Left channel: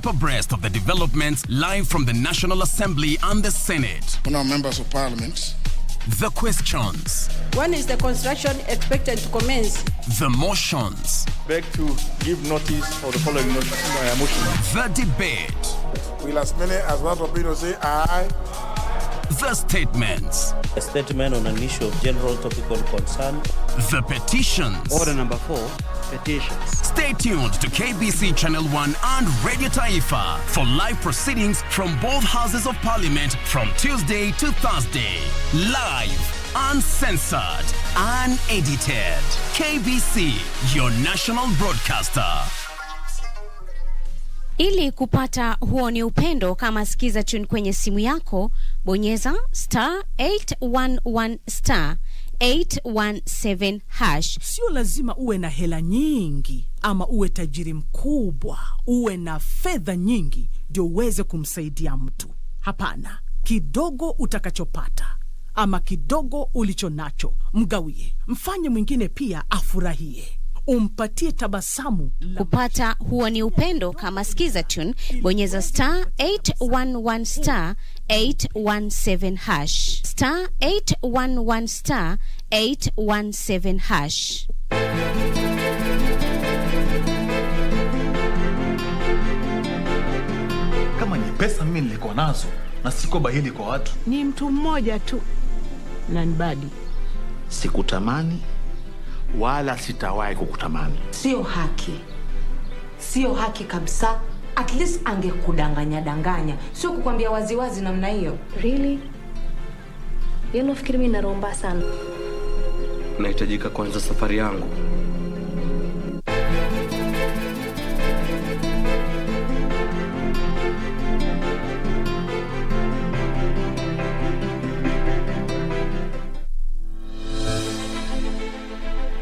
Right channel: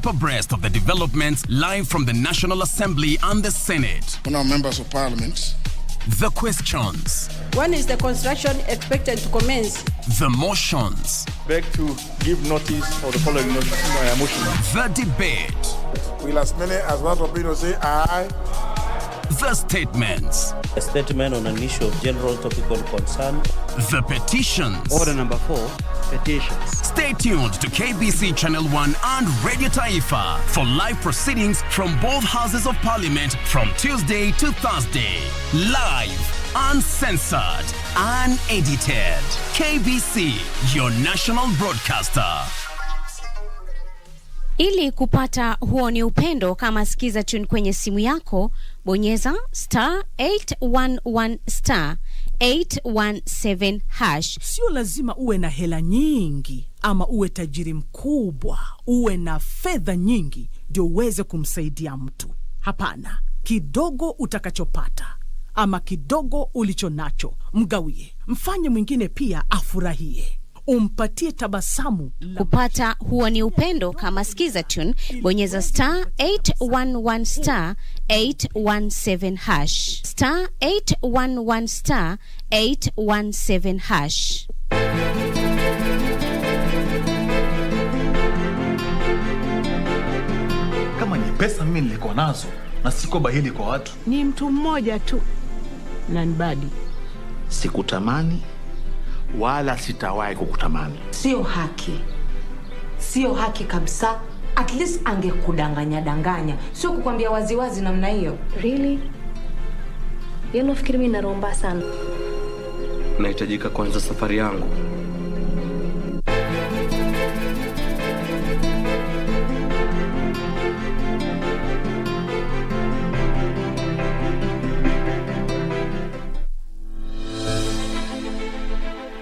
keep abreast of the developments live from the National Assembly and the Senate. Honourable members of Parliament. The questions. When is the construction expected to commence? The motions. Beg to give notice of the following motion. The debate. Will as many as want to say aye. The statements. A statement on an issue of general topical concern. The petitions. Order number 4, petitions. Stay tuned to KBC Channel 1 and Radio Taifa for live proceedings from both Houses of Parliament from Tuesday to Thursday. Live, uncensored, unedited. KBC, your national broadcaster. Ili kupata huo ni upendo, kama sikiza tune kwenye simu yako, bonyeza *811 *817#. Sio lazima uwe na hela nyingi ama uwe tajiri mkubwa, uwe na fedha nyingi ndio uweze kumsaidia mtu. Hapana, kidogo utakachopata ama kidogo ulicho nacho, mgawie. Mfanye mwingine pia afurahie. Umpatie tabasamu. Kupata huo ni upendo, kama sikiza tune, bonyeza *811 *817#. *811 *817#. Kama ni pesa mimi nilikuwa nazo na siko bahili kwa watu. Ni mtu mmoja tu. Nanbadi. Sikutamani wala sitawahi kukutamani. Sio haki. Sio haki kabisa. At least angekudanganya. Sio kukwambia waziwazi namna hiyo. Really? Yeye nafikiri mimi naromba sana. Nahitajika kuanza safari yangu.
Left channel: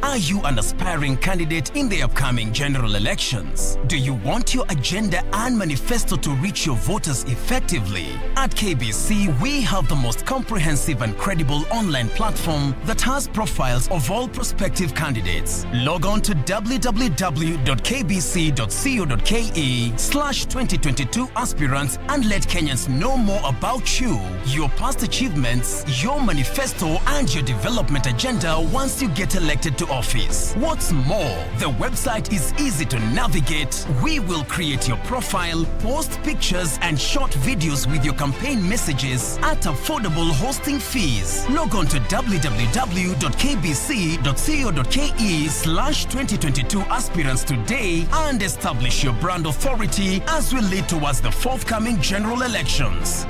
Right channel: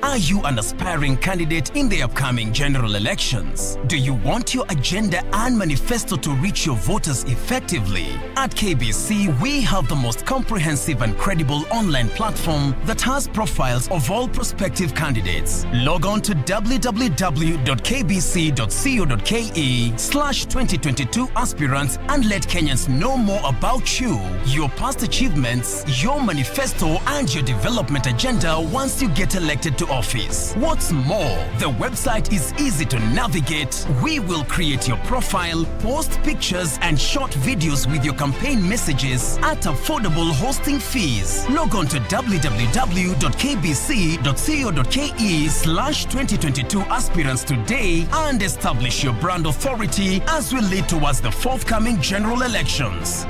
Are you an aspiring candidate in the upcoming general elections? Do you want your agenda and manifesto to reach your voters effectively? At KBC, we have the most comprehensive and credible online platform that has profiles of all prospective candidates. Log on to www.kbc.co.ke/2022 aspirants and let Kenyans know more about you, your past achievements, your manifesto, and your development agenda once you get elected to office. What's more, the website is easy to navigate. We will create your profile, post pictures and short videos with your campaign messages at affordable hosting fees. Log on to www.kbc.co.ke/2022 aspirants today and establish your brand authority as we lead towards the forthcoming general elections.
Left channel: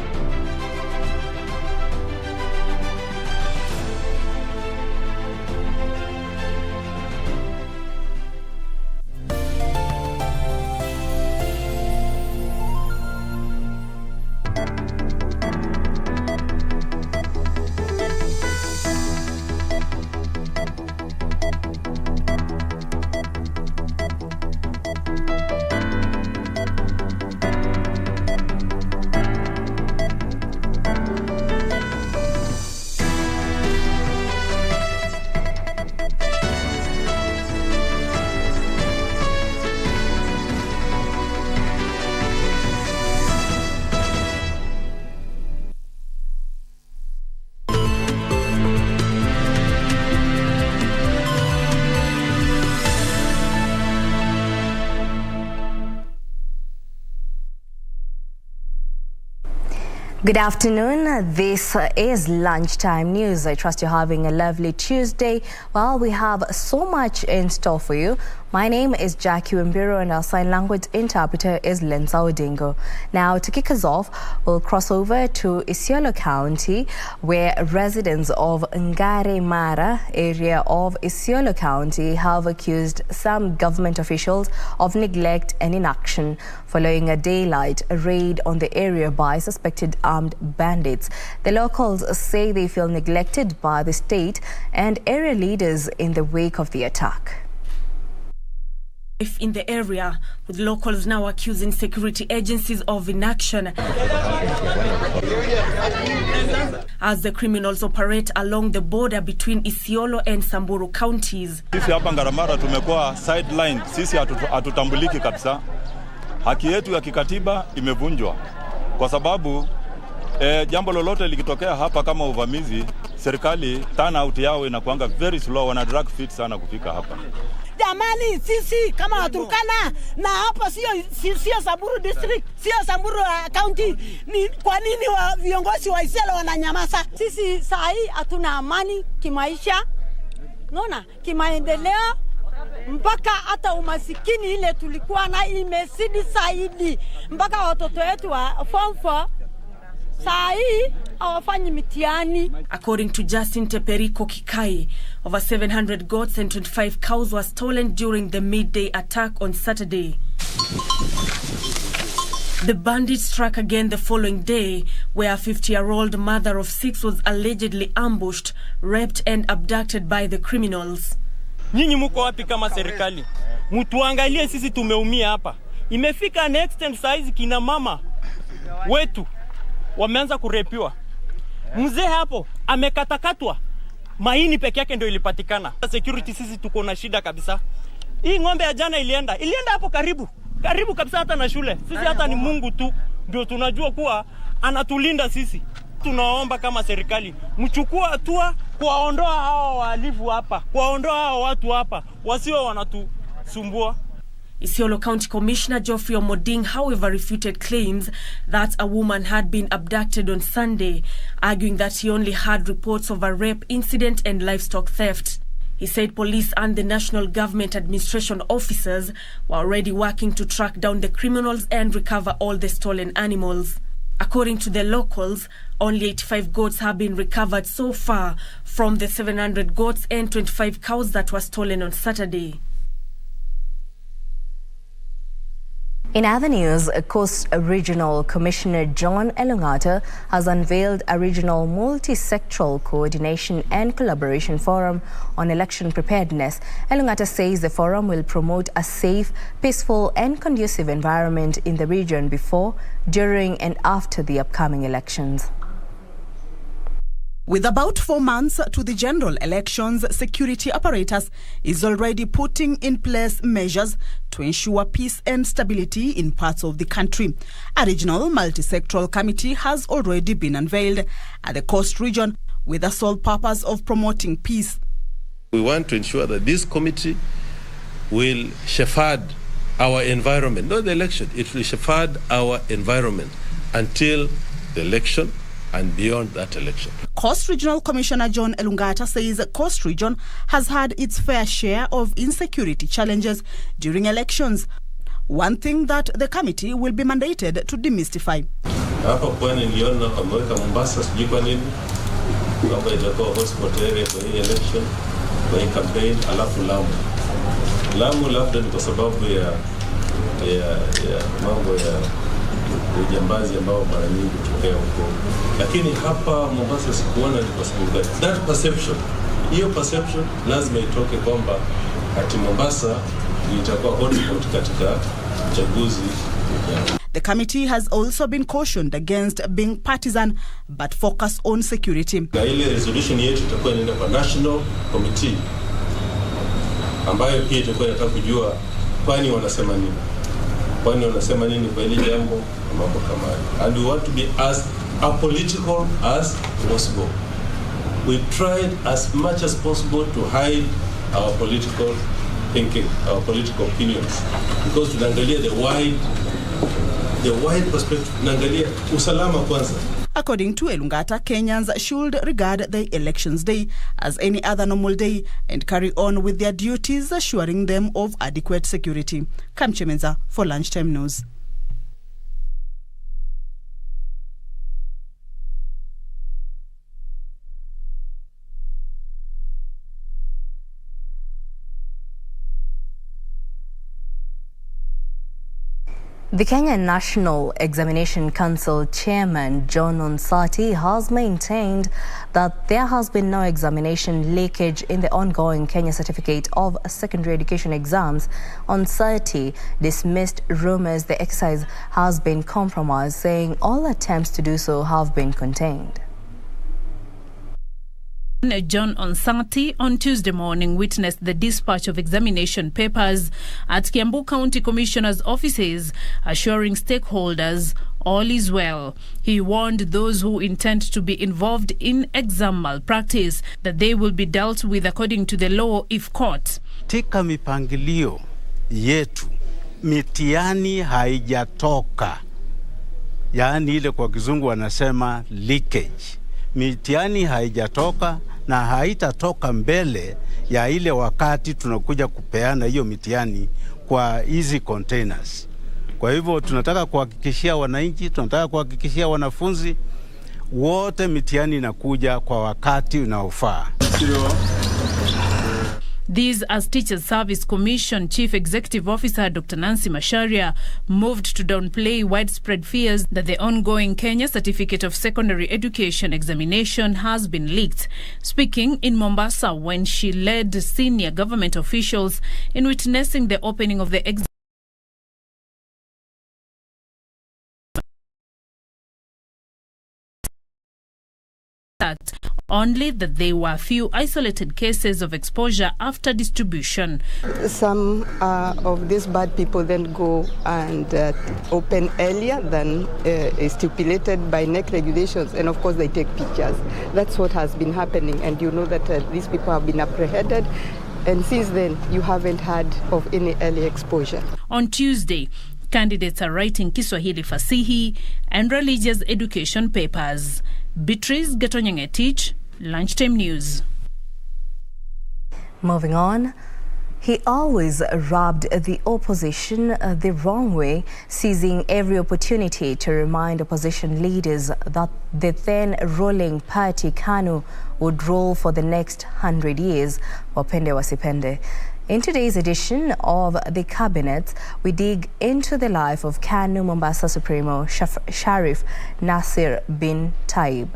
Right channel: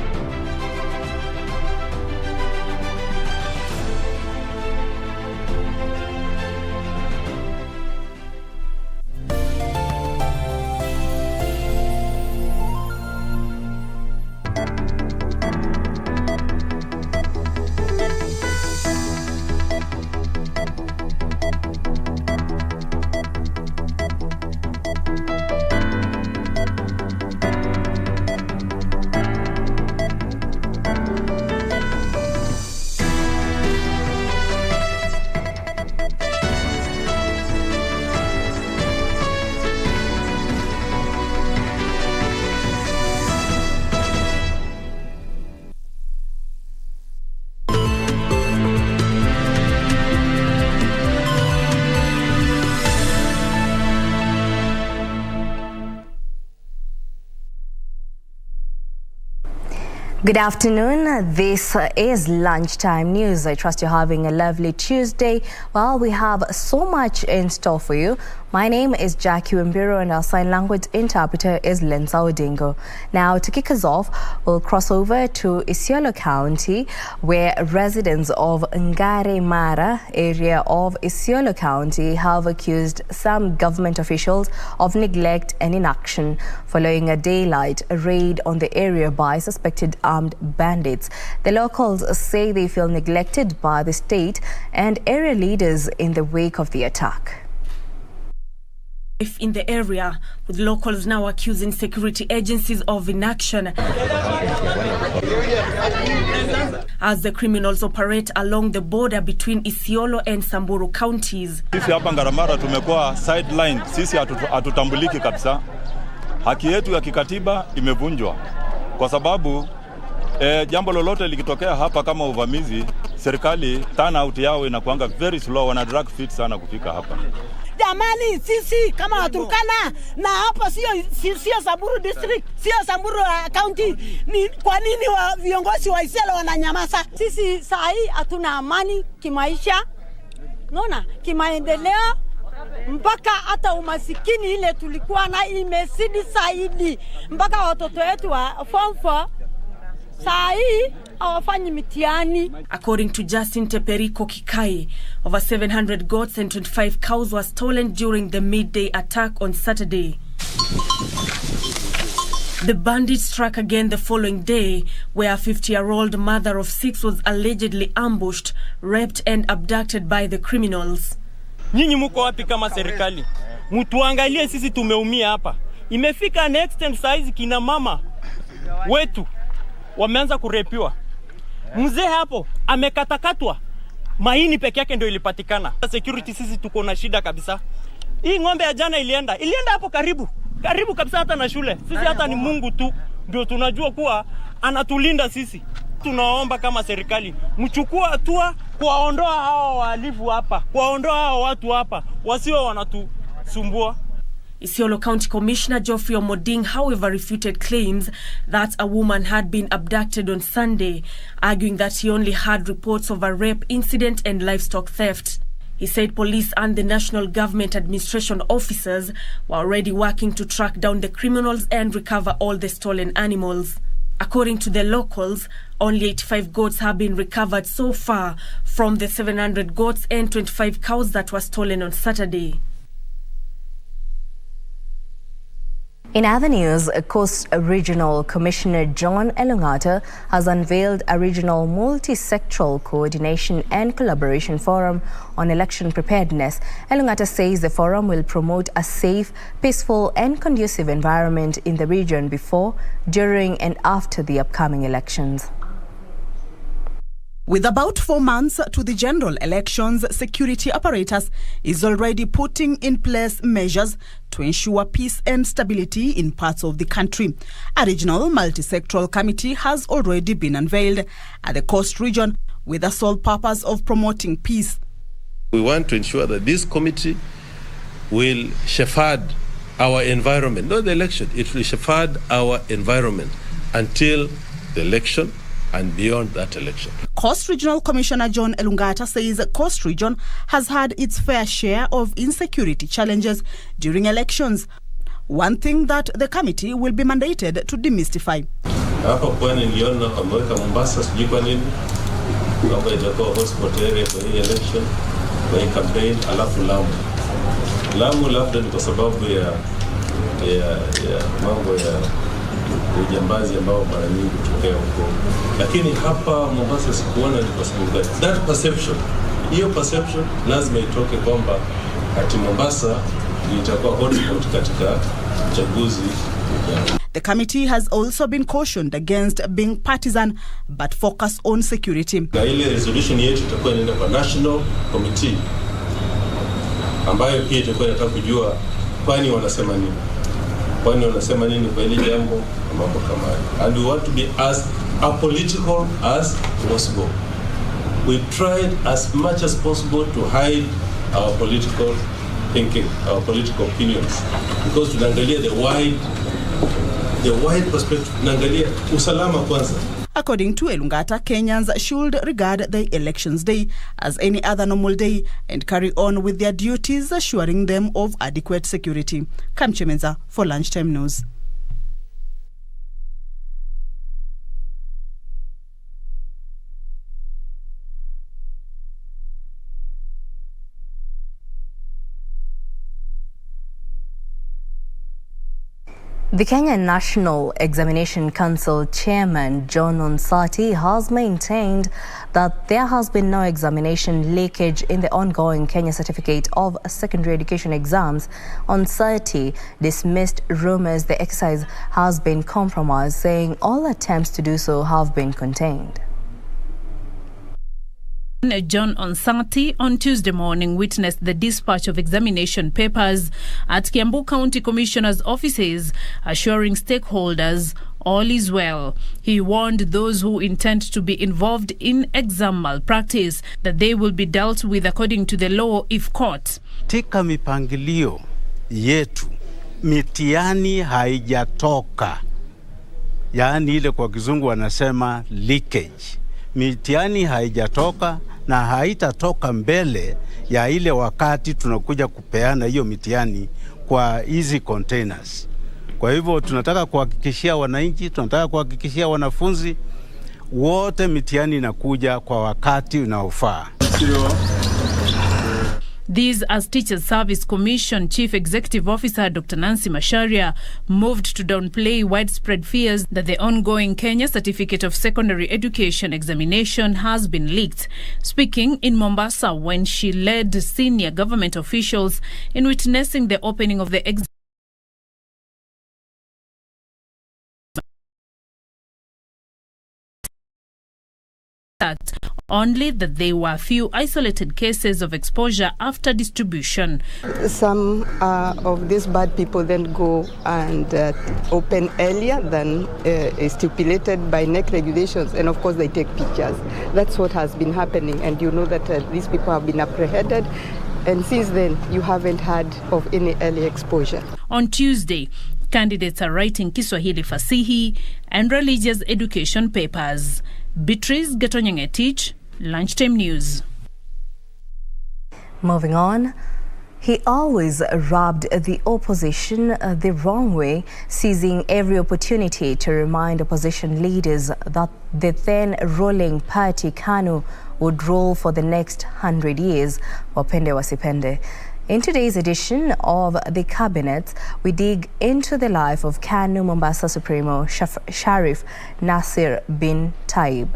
Good afternoon. This is Lunchtime News. I trust you're having a lovely Tuesday. Well, we have so much in store for you. My name is Wambiru and our sign language interpreter is Lensa Odingo. Now, to kick us off, we'll cross over to Isiolo County, where residents of Ngare Mara area of Isiolo County have accused some government officials of neglect and inaction following a daylight raid on the area by suspected armed bandits. The locals say they feel neglected by the state and area leaders in the wake of the attack. In the area, with locals now accusing security agencies of inaction as the criminals operate along the border between Isiolo and Samburu counties. Sisi hapa Ngaramara tumekuwa sideline, sisi hatutambuliki kabisa. haki yetu ya kikatiba imevunjwa kwa sababu jambo lolote likitokea hapa kama uvamizi, serikali turnout yao inakuanga very slow, wana drag feet sana kufika hapa. Jamani, sisi kama Waturkana na hapa sio Samburu district, sio Samburu county, ni kwa nini viongozi wa Isela wananyamaza? Sisi saa hii hatuna amani kimaisha, unaona, kimaendeleo, mpaka hata umasikini ile tulikuwa na imezidi zaidi, mpaka watoto wetu wa form 4 saa hii hawafanyi mitihani. According to Justin Teperiko Kikai, over 700 goats and 25 cows were stolen during the midday attack on Saturday. The bandits struck again the following day, where a 50-year-old mother of 6 was allegedly ambushed, raped and abducted by the criminals. Nyinyi mko wapi kama serikali? Mtuangalie, sisi tumeumia hapa. Imefika next and size kina mama wetu wameanza kurepiwa. Mzee hapo amekatakatwa, maini peke yake ndio ilipatikana. Security sisi tuko na shida kabisa. Hii ng'ombe ya jana ilienda hapo karibu kabisa hata na shule. Sisi hata ni Mungu tu ndio tunajua kuwa anatulinda sisi. Tunaomba kama serikali mchukue hatua kuwaondoa hao wahalifu hapa, kuwaondoa hao watu hapa wasio wanatusumbua. Isiolo County Commissioner Geoffrey Omoding, however, refuted claims that a woman had been abducted on Sunday, arguing that he only had reports of a rape incident and livestock theft. He said police and the National Government Administration officers were already working to track down the criminals and recover all the stolen animals. According to the locals, only 85 goats have been recovered so far from the 700 goats and 25 cows that were stolen on Saturday. In other news, Coast Regional Commissioner John Elungata has unveiled a regional multi-sectoral coordination and collaboration forum on election preparedness. Elungata says the forum will promote a safe, peaceful and conducive environment in the region before, during and after the upcoming elections. With about 4 months to the general elections, security apparatus is already putting in place measures to ensure peace and stability in parts of the country. A regional multi-sectoral committee has already been unveiled at the Coast region with the sole purpose of promoting peace. We want to ensure that this committee will shepherd our environment, not the election, it will shepherd our environment until the election and beyond that election. Coast Regional Commissioner John Elungata says Coast Region has had its fair share of insecurity challenges during elections, one thing that the committee will be mandated to demystify. Hapa pwani niliona wameweka Mombasa sijui kwa nini kwamba itakuwa hotspot area kwa hii election, kwa hii campaign, alafu Lamu labda ni kwa sababu ya mambo ya ujambazi ambao mara nyingi hutokea huko, lakini hapa Mombasa sikuona ni kwa sababu gani. That perception, hiyo perception lazima itoke kwamba ati Mombasa itakuwa hotspot katika uchaguzi. The committee has also been cautioned against being partisan but focus on security. Na ile resolution yetu itakuwa inaenda kwa National Committee ambayo pia itakuwa inataka kujua kwani wanasema nini. Kwani wanasema nini kwa ile jambo mambo kama hayo. And we want to be as apolitical as possible. We tried as much as possible to hide our political thinking, our political opinions, because tunaangalia the wide perspective, tunaangalia usalama kwanza. According to Elungata, Kenyans should regard the elections day as any other normal day and carry on with their duties, assuring them of adequate security. Kamchemenza for Lunchtime News. The Kenya National Examination Council Chairman John Onsati has maintained that there has been no examination leakage in the ongoing Kenya Certificate of Secondary Education exams. Onsati dismissed rumors the exercise has been compromised, saying all attempts to do so have been contained. John Onsati on Tuesday morning witnessed the dispatch of examination papers at Kiambu County Commissioner's offices, assuring stakeholders all is well. He warned those who intend to be involved in exam malpractice that they will be dealt with according to the law if caught. Katika mipangilio yetu, mitihani haijatoka. Yaani ile kwa kizungu wanasema leakage. Mitihani haijatoka na haitatoka mbele ya ile wakati tunakuja kupeana hiyo mitihani kwa hizi containers. Kwa hivyo tunataka kuhakikishia wananchi, tunataka kuhakikishia wanafunzi wote mitihani inakuja kwa wakati unaofaa. This as Teachers Service Commission Chief Executive Officer Dr. Nancy Macharia moved to downplay widespread fears that the ongoing Kenya Certificate of Secondary Education examination has been leaked. Speaking in Mombasa when she led senior government officials in witnessing the opening of the exam, only that there were a few isolated cases of exposure after distribution. Some of these bad people then go and open earlier than stipulated by NEC regulations, and of course they take pictures. That's what has been happening, and you know that these people have been apprehended, and since then you haven't heard of any early exposure. On Tuesday, candidates are writing Kiswahili Fasihi and religious education papers. Beatrice Gatonyangetich, Lunchtime News. Moving on, he always rubbed the opposition the wrong way, seizing every opportunity to remind opposition leaders that the then ruling party KANU would rule for the next 100 years, wapende wasipende. In today's edition of The Cabinet, we dig into the life of KANU Mombasa Supremo Sharif Nasir bin Taib.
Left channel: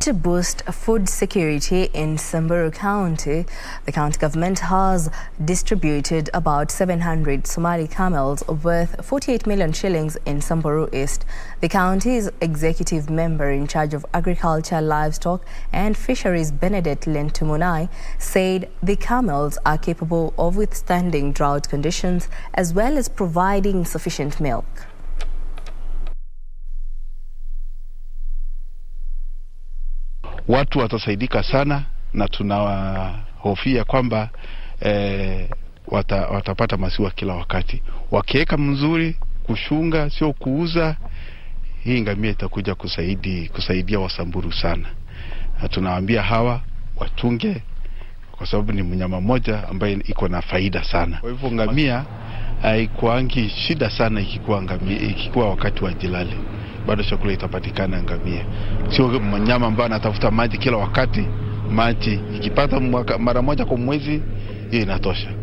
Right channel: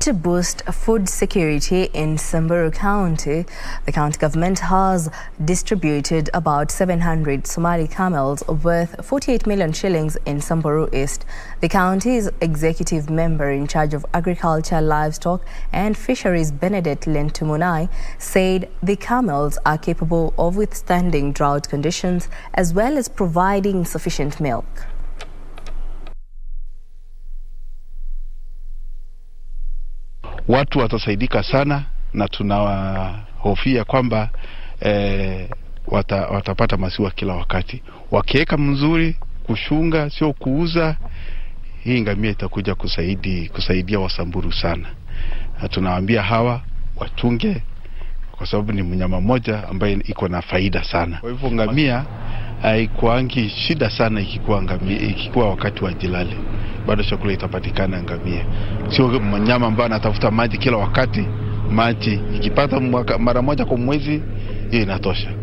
To boost food security in Samburu County, the county government has distributed about 700 Somali camels worth 48 million shillings in Samburu East. The county's executive member in charge of agriculture, livestock and fisheries, Benedict Lentumunai, said the camels are capable of withstanding drought conditions as well as providing sufficient milk. Watu watasaidika sana na tunahofia kwamba watapata maziwa kila wakati. Wakiweka mzuri, kushunga, sio kuuza, hii ngamia itakuja kusaidia Wasamburu sana. Na tunawaambia hawa wachunge kwa sababu ni mnyama mmoja ambaye iko na faida sana. Kwa hivyo ngamia haikuangi shida sana ikikuwa wakati wa jilale. Bado chakula itapatikana ngamia. Sio mnyama ambaye anatafuta maji kila wakati. Maji ikipata mara moja kwa mwezi, hiyo inatosha.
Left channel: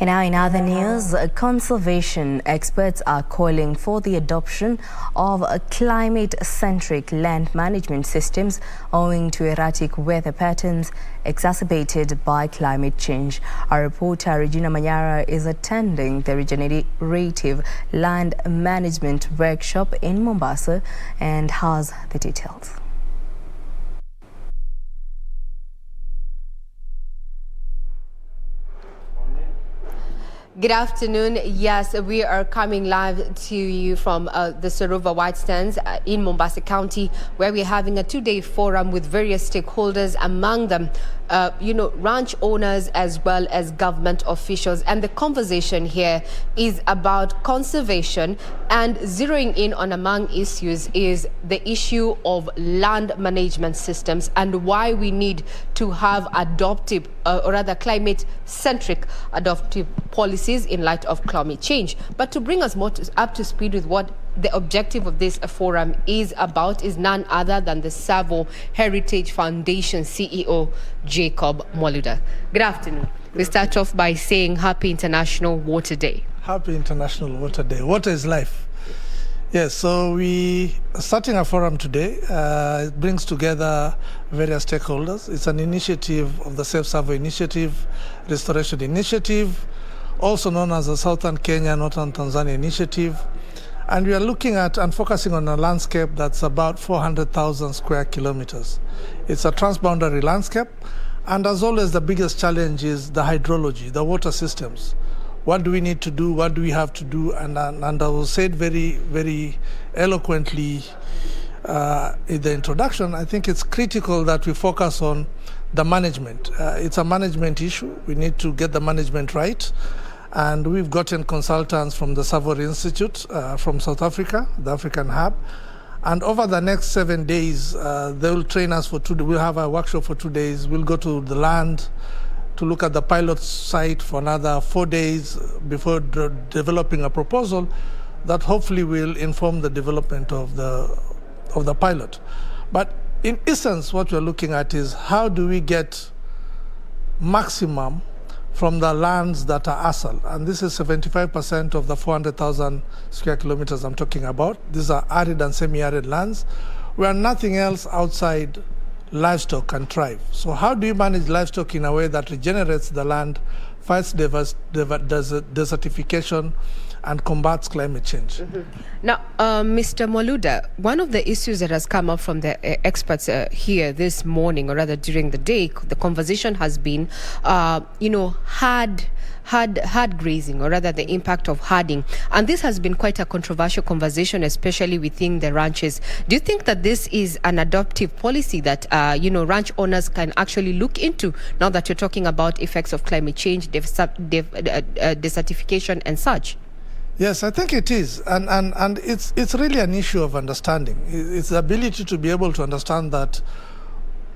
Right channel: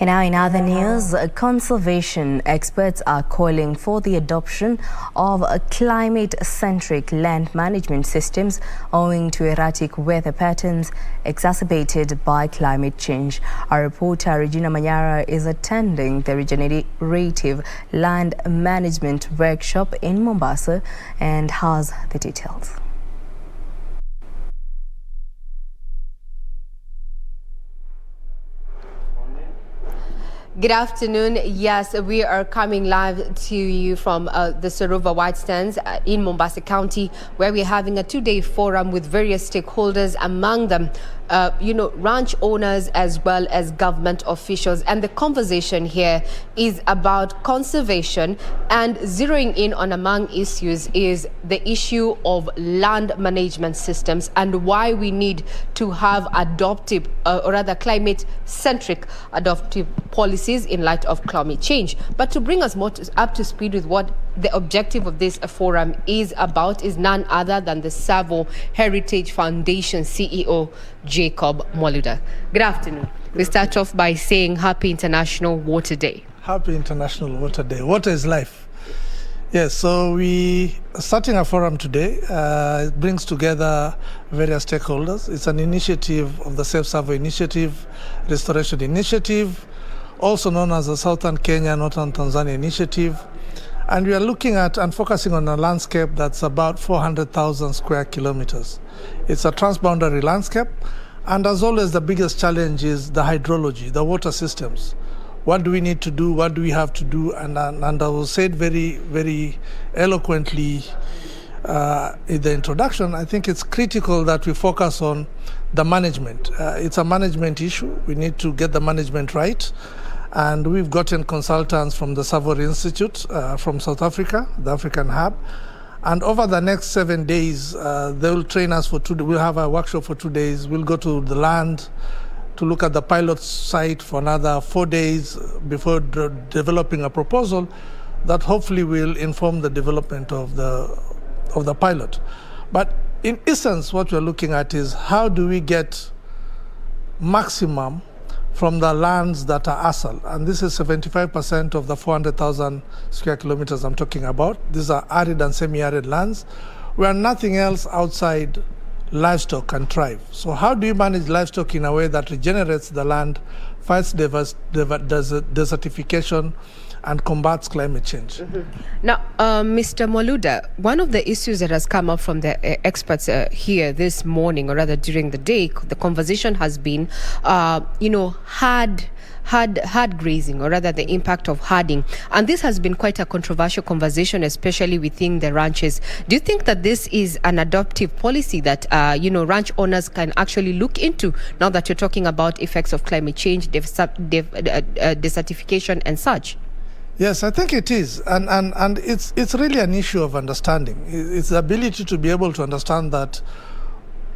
And now in other news, conservation experts are calling for the adoption of climate-centric land management systems owing to erratic weather patterns exacerbated by climate change. Our reporter Regina Manyara is attending the regenerative land management workshop in Mombasa and has the details. Good afternoon. Yes, we are coming live to you from the Saruva White Stands in Mombasa County, where we're having a two-day forum with various stakeholders, among them ranch owners as well as government officials. And the conversation here is about conservation, and zeroing in on among issues is the issue of land management systems and why we need to have adoptive or rather climate-centric adoptive policies in light of climate change. But to bring us more up to speed with what the objective of this forum is about is none other than the Savo Heritage Foundation CEO, Jacob Mwaluda. Good afternoon. We start off by saying Happy International Water Day. Happy International Water Day. Water is life. Yes, so we are starting a forum today. It brings together various stakeholders. It's an initiative of the Safe Savo Initiative, Restoration Initiative, also known as the Southern Kenya, Northern Tanzania Initiative. And we are looking at and focusing on a landscape that's about 400,000 square kilometers. It's a transboundary landscape. And as always, the biggest challenge is the hydrology, the water systems. What do we need to do? What do we have to do? And I will say it very, very eloquently in the introduction. I think it's critical that we focus on the management. It's a management issue. We need to get the management right. And we've gotten consultants from the Savory Institute from South Africa, the African Hub. And over the next 7 days, they will train us for 2 days. We'll have a workshop for 2 days. We'll go to the land to look at the pilot site for another 4 days before developing a proposal that hopefully will inform the development of the pilot. But in essence, what we're looking at is how do we get maximum from the lands that are ASAL. And this is 75% of the 400,000 square kilometers I'm talking about. These are arid and semi-arid lands where nothing else outside livestock can thrive. So how do you manage livestock in a way that regenerates the land, fights desertification, and combats climate change? Now, Mr. Mwaluda, one of the issues that has come up from the experts here this morning, or rather during the day, the conversation has been, hard grazing, or rather the impact of herding. And this has been quite a controversial conversation, especially within the ranches. Do you think that this is an adoptive policy that, ranch owners can actually look into now that you're talking about effects of climate change, desertification and such? Yes, I think it is. And it's really an issue of understanding. It's the ability to be able to understand that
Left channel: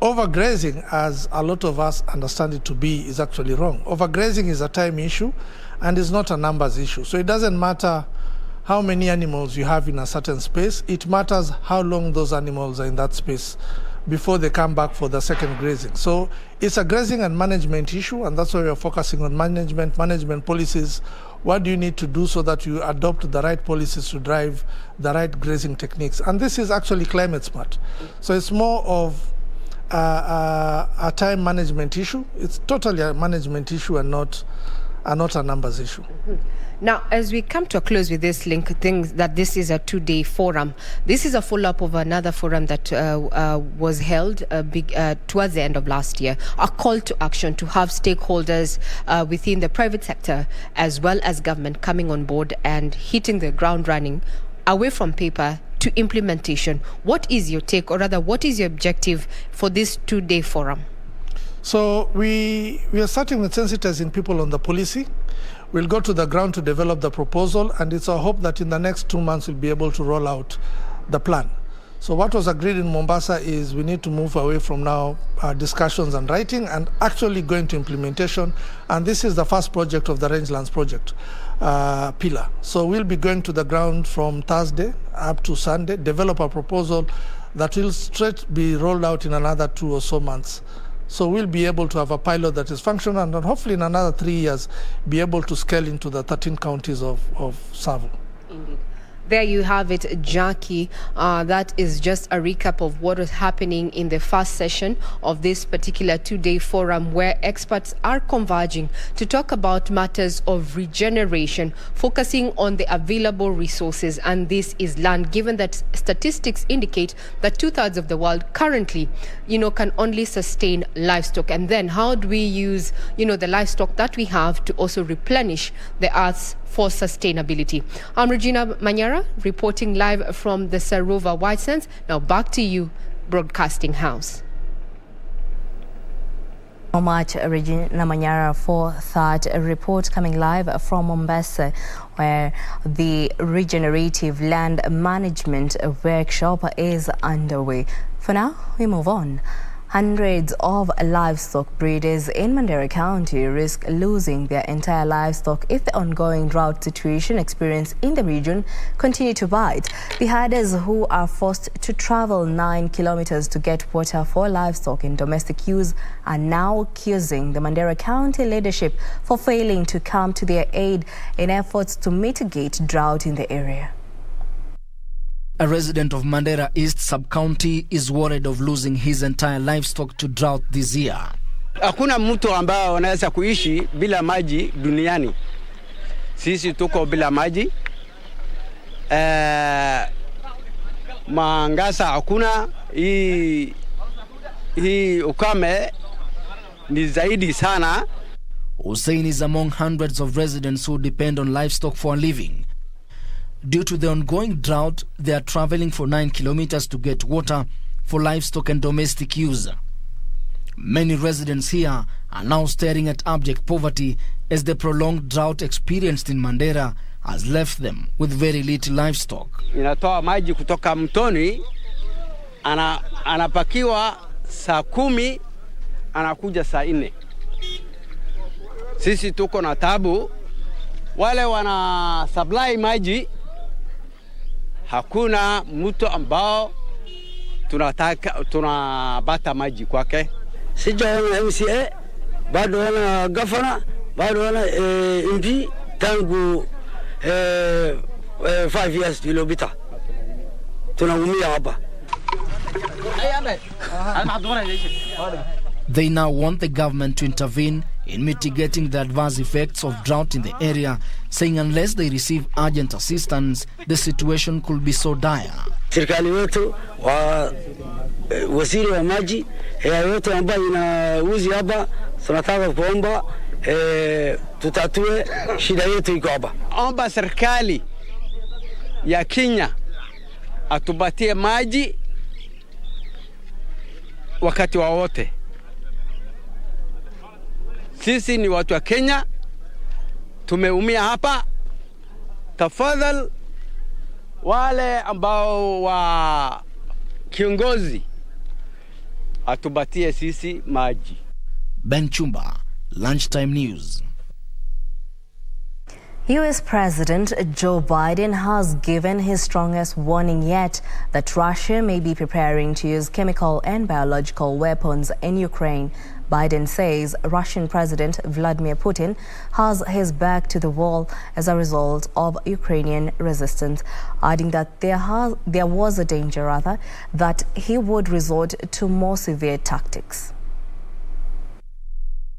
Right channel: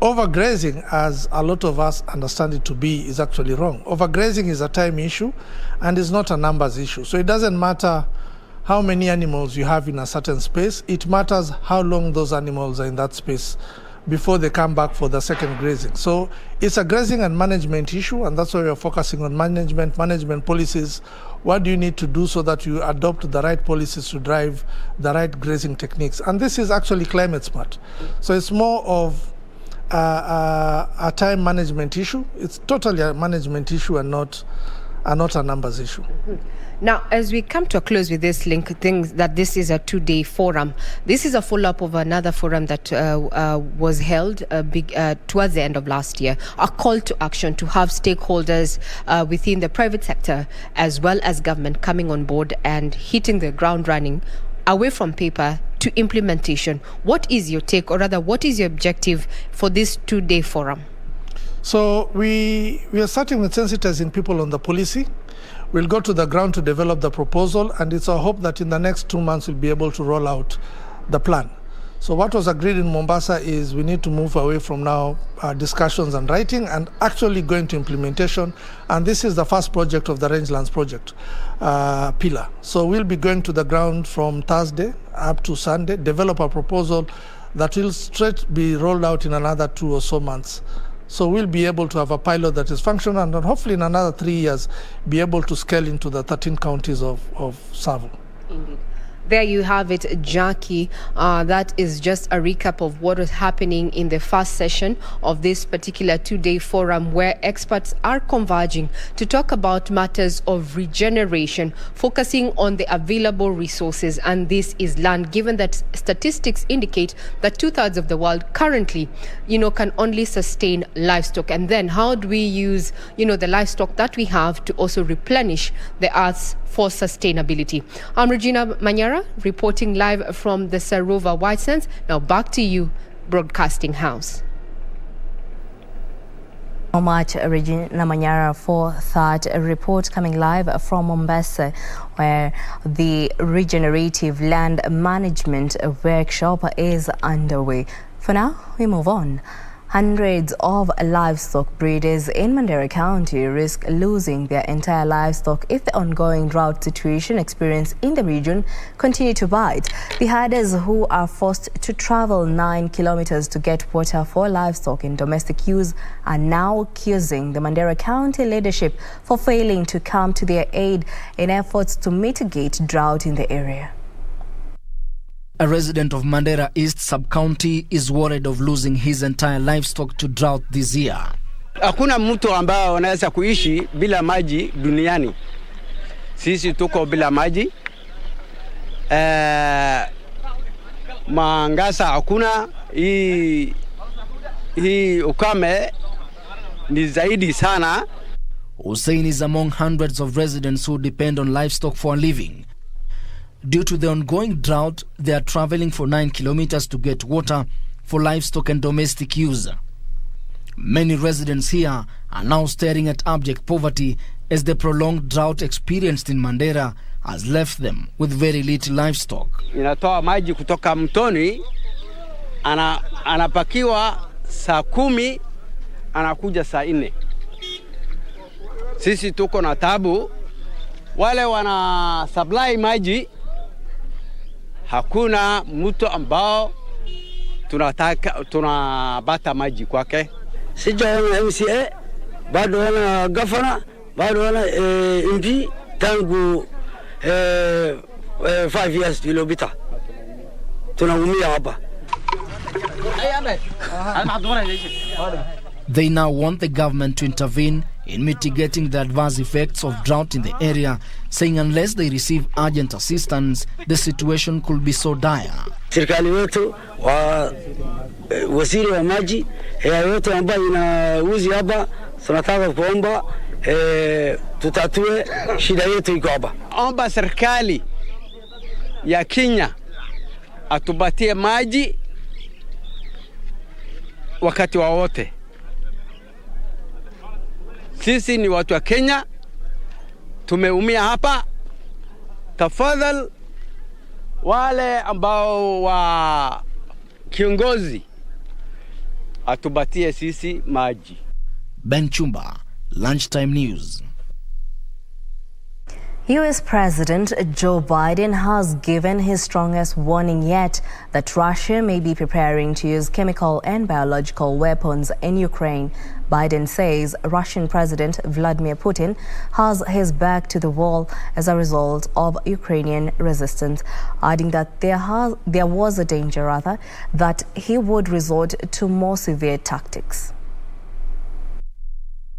overgrazing, as a lot of us understand it to be, is actually wrong. Overgrazing is a time issue and is not a numbers issue. So it doesn't matter how many animals you have in a certain space. It matters how long those animals are in that space before they come back for the second grazing. So it's a grazing and management issue, and that's why we're focusing on management policies. What do you need to do so that you adopt the right policies to drive the right grazing techniques? And this is actually climate smart. So it's more of a time management issue. It's totally a management issue and not a numbers issue. Now, as we come to a close with this link, things that this is a 2-day forum. This is a follow-up of another forum that was held towards the end of last year. A call to action to have stakeholders within the private sector as well as government coming on board and hitting the ground running away from paper to implementation. What is your take, or rather, what is your objective for this 2-day forum? So we are starting with sensitizing people on the policy. We'll go to the ground to develop the proposal, and it's our hope that in the next 2 months we'll be able to roll out the plan. So what was agreed in Mombasa is we need to move away from now discussions and writing and actually go into implementation. And this is the first project of the Rangelands project pillar. So we'll be going to the ground from Thursday up to Sunday, develop a proposal that will straight be rolled out in another 2 or so months. So we'll be able to have a pilot that is functional, and hopefully in another 3 years be able to scale into the 13 counties of Savo. Indeed. There you have it, Jackie. That is just a recap of what was happening in the first session of this particular 2-day forum, where experts are converging to talk about matters of regeneration, focusing on the available resources. And this is land, given that statistics indicate that 2/3 of the world currently, can only sustain livestock. And then how do we use, the livestock that we have to also replenish the earth's for sustainability? I'm Regina Manyara, reporting live from the Sarova White Sands. Now back to you, Broadcasting House. So much, Regina Manyara, for that report coming live from Mombasa, where the regenerative land management workshop is underway. For now, we move on. Hundreds of livestock breeders in Mandera County risk losing their entire livestock if the ongoing drought situation experienced in the region continue to bite. The herders who are forced to travel 9 kilometers to get water for livestock in domestic use are now accusing the Mandera County leadership for failing to come to their aid in efforts to mitigate drought in the area. A resident of Mandera East Sub-County is worried of losing his entire livestock to drought this year. Hakuna mtu ambao anaweza kuishi bila maji duniani. Sisi tuko bila maji. Mangasa hakuna. Hii ukame ni zaidi sana. Hussein is among hundreds of residents who depend on livestock for a living. Due to the ongoing drought, they are traveling for 9 kilometers to get water for livestock and domestic use. Many residents here are now staring at abject poverty as the prolonged drought experienced in Mandera has left them with very little livestock. Inatoa maji kutoka mtoni, anapakiwa saa 10, anakuja saa 4. Sisi tuko na tabu. Wale wana supply maji, hakuna mtu ambao tunabata maji kwake. Sijaona MCA, bado wana governor, bado wana MP tangu 5 years iliyopita. Tunaumia hapa. They now want the government to intervene in mitigating the adverse effects of drought in the area, saying unless they receive urgent assistance, the situation could be so dire. Serikali wetu waziri wa maji yote ambayo inauzi hapa, tunataka kuomba tutatue shida yetu iko hapa. Omba serikali ya Kenya atupatie maji wakati wowote. Sisi ni watu wa Kenya, tumeumia hapa. Tafadhali wale ambao wa kiongozi atupatie sisi maji. Ben Chumba, Lunchtime News. US President Joe Biden has given his strongest warning yet that Russia may be preparing to use chemical and biological weapons in Ukraine. Biden says Russian President Vladimir Putin has his back to the wall as a result of Ukrainian resistance, adding that there was a danger, that he would resort to more severe tactics.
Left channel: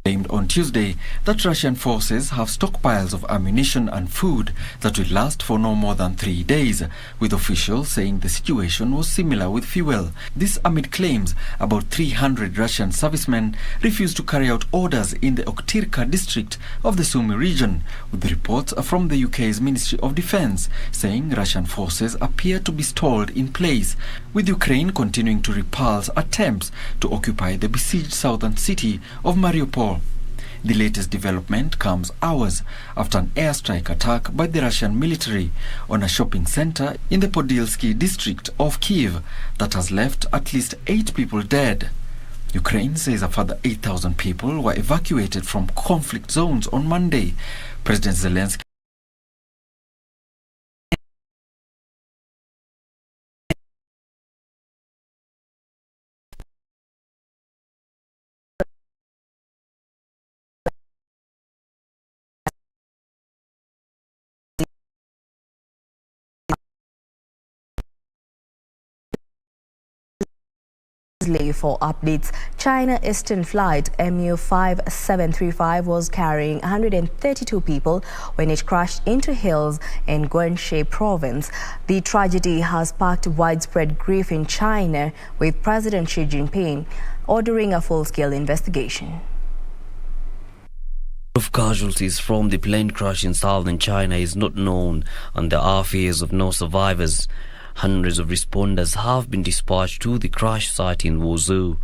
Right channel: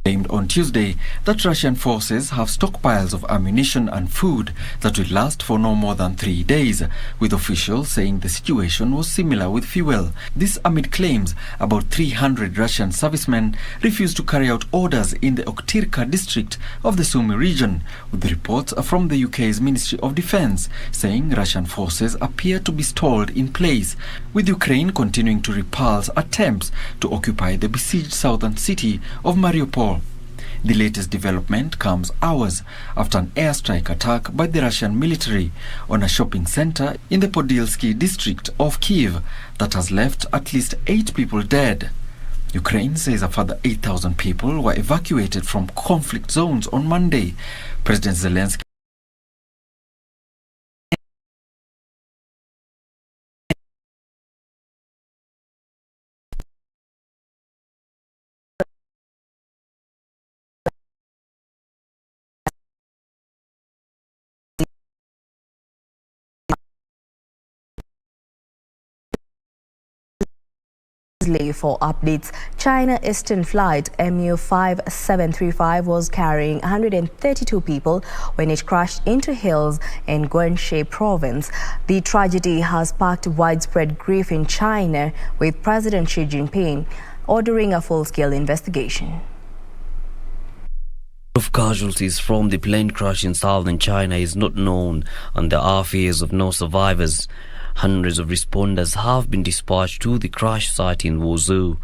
Claimed on Tuesday that Russian forces have stockpiles of ammunition and food that will last for no more than 3 days, with officials saying the situation was similar with fuel. This amid claims about 300 Russian servicemen refused to carry out orders in the Oktirka district of the Sumy region, with reports from the UK's Ministry of Defence saying Russian forces appear to be stalled in place, with Ukraine continuing to repulse attempts to occupy the besieged southern city of Mariupol. The latest development comes hours after an airstrike attack by the Russian military on a shopping center in the Podilsky district of Kyiv that has left at least 8 people dead. Ukraine says a further 8,000 people were evacuated from conflict zones on Monday. President Zelensky For updates, China Eastern flight MU5735 was carrying 132 people when it crashed into hills in Guangxi province. The tragedy has sparked widespread grief in China, with President Xi Jinping ordering a full-scale investigation. Of casualties from the plane crash in southern China is not known, and there are fears of no survivors. Hundreds of responders have been dispatched to the crash site in Wuzhou.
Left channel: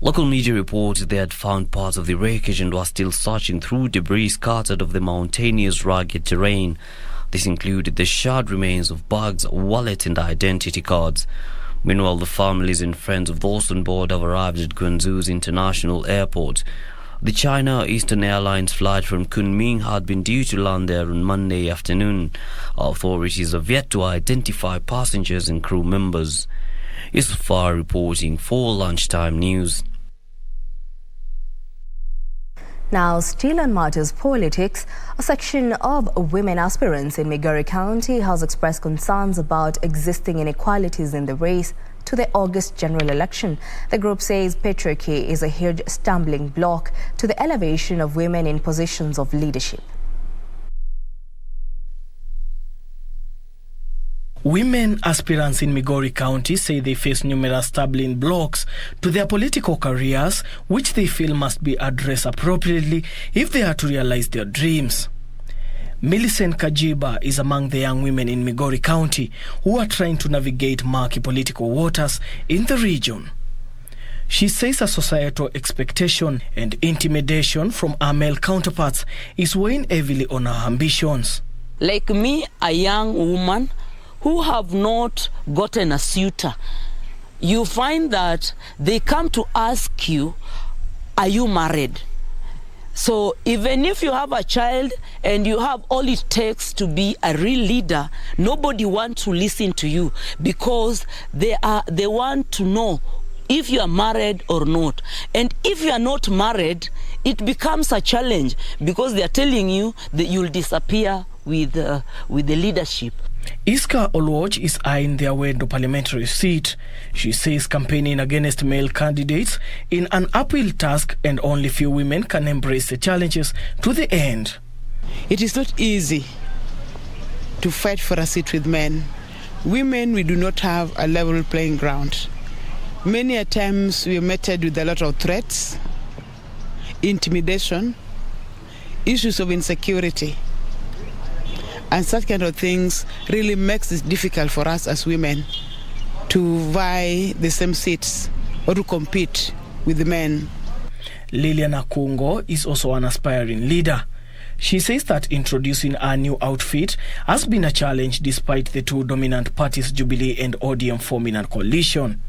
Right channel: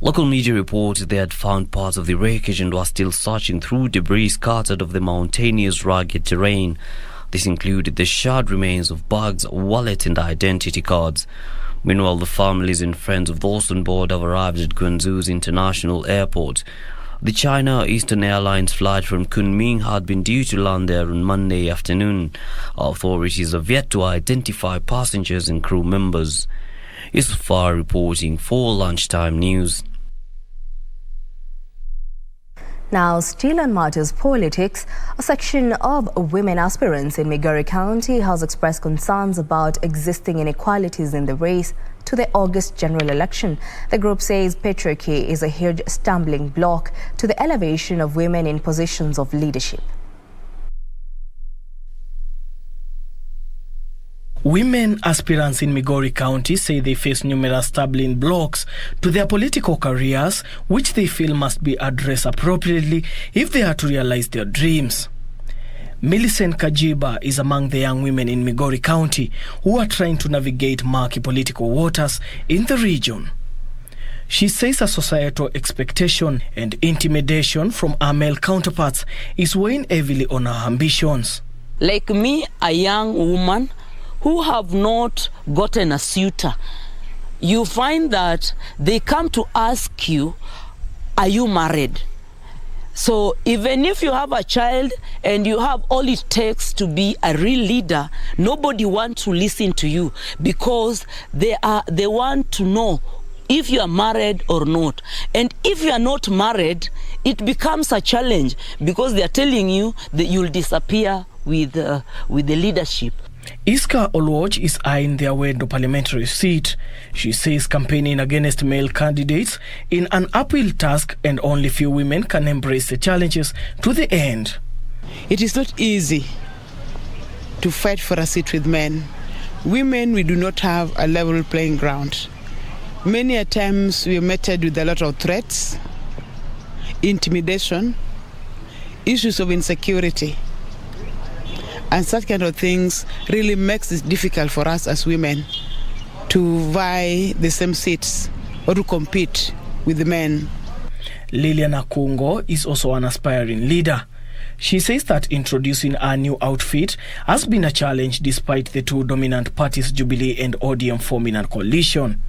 Local media reported they had found parts of the wreckage and were still searching through debris scattered of the mountainous rugged terrain. This included the charred remains of bags, wallet and identity cards. Meanwhile, the families and friends of those on board have arrived at Guangzhou's international airport. The China Eastern Airlines flight from Kunming had been due to land there on Monday afternoon. Authorities have yet to identify passengers and crew members. Isfar reporting for Lunchtime News. Now, still on matters politics, a section of women aspirants in Migori County has expressed concerns about existing inequalities in the race to the August general election. The group says patriarchy is a huge stumbling block to the elevation of women in positions of leadership. Women aspirants in Migori County say they face numerous stumbling blocks to their political careers, which they feel must be addressed appropriately if they are to realize their dreams. Millicent Kajiba is among the young women in Migori County who are trying to navigate murky political waters in the region. She says a societal expectation and intimidation from her male counterparts is weighing heavily on her ambitions. Like me, a young woman who have not gotten a suitor, you find that they come to ask you, are you married? So even if you have a child and you have all it takes to be a real leader, nobody wants to listen to you because they want to know if you are married or not. And if you are not married, it becomes a challenge because they are telling you that you'll disappear with the leadership. Iska Olwach is eyeing their way to parliamentary seat. She says campaigning against male candidates in an uphill task and only few women can embrace the challenges to the end. It is not easy to fight for a seat with men. Women, we do not have a level playing ground. Many a times we are met with a lot of threats, intimidation, issues of insecurity. And such kind of things really makes it difficult for us as women to vie the same seats or to compete with the men. Lilian Akungo is also an aspiring leader. She says that introducing a new outfit has been a challenge despite the two dominant parties, Jubilee and ODM, forming a coalition.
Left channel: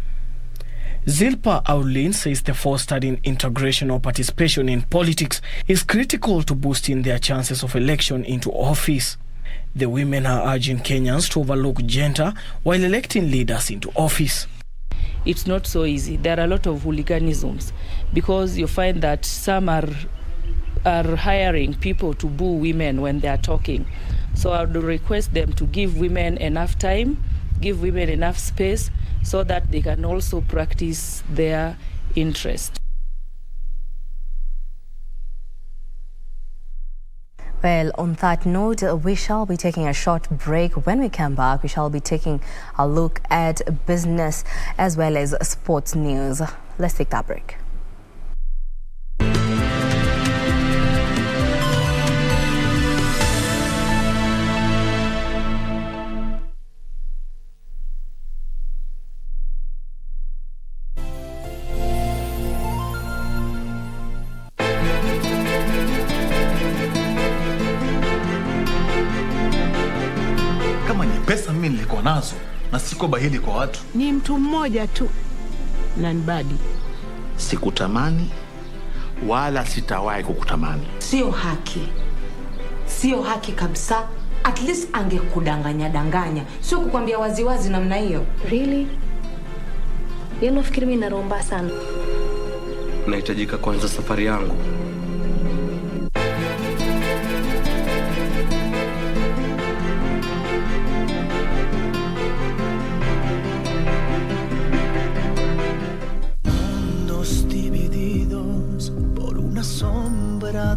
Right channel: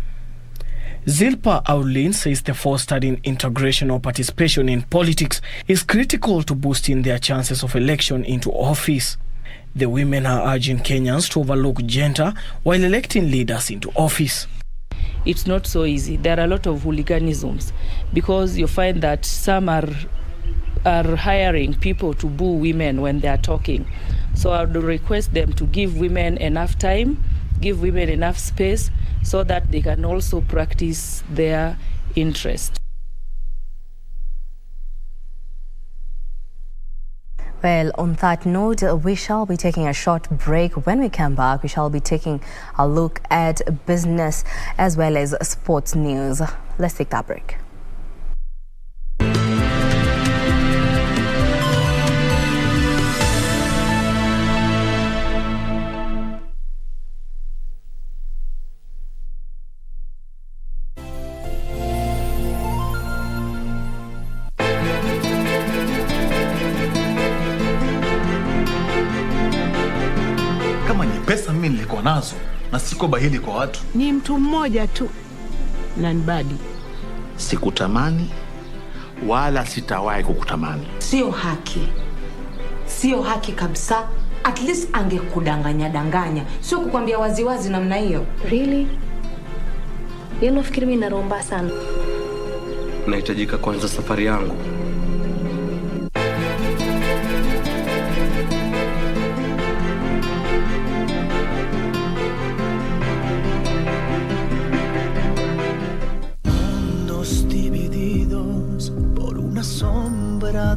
Zilpa Aulin says the fostering integration or participation in politics is critical to boosting their chances of election into office. The women are urging Kenyans to overlook gender while electing leaders into office. It's not so easy. There are a lot of hooliganisms because you find that some are hiring people to boo women when they are talking. So I would request them to give women enough time, give women enough space so that they can also practice their interest. Well, on that note, we shall be taking a short break. When we come back, we shall be taking a look at business as well as sports news. Let's take that break. Pesa mimi nilikuwa nazo na siko bahili kwa watu. Ni mtu mmoja tu na nibadi. Sikutamani wala sitawahi kukutamani. Sio haki. Sio haki kabisa. At least angekudanganya. Sio kukwambia waziwazi namna hiyo. Really? Yeye nafikiri mimi naromba sana. Nahitajika kuanza safari yangu.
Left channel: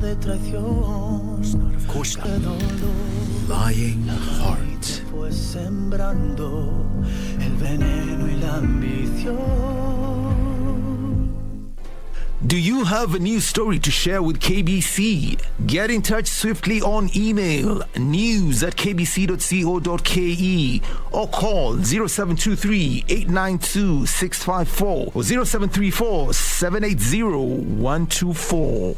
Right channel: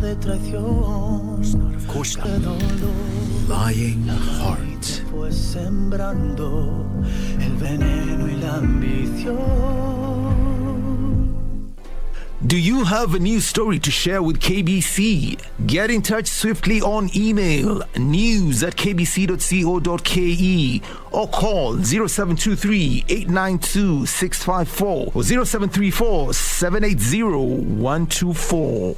De traición, lying heart, fue sembrando el veneno y la ambición. Do you have a news story to share with KBC? Get in touch swiftly on email news@kbc.co.ke or call 0723-892-654 or 0734-780-124.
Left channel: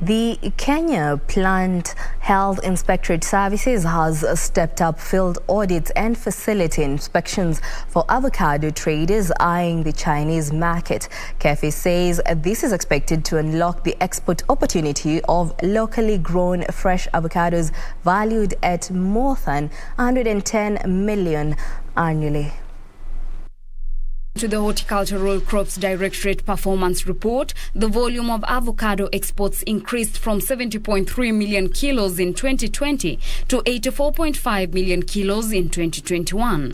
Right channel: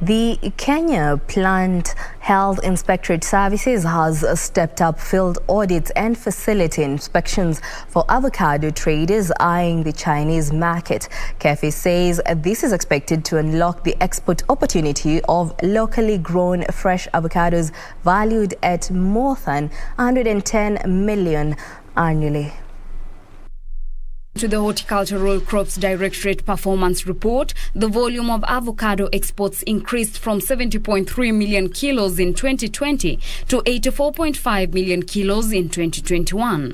The Kenya Plant Health Inspectorate Services has stepped up field audits and facility inspections for avocado traders eyeing the Chinese market. KBC says this is expected to unlock the export opportunity of locally grown fresh avocados valued at more than 110 million annually. To the Horticultural Crops Directorate Performance Report, the volume of avocado exports increased from 70.3 million kilos in 2020 to 84.5 million kilos in 2021.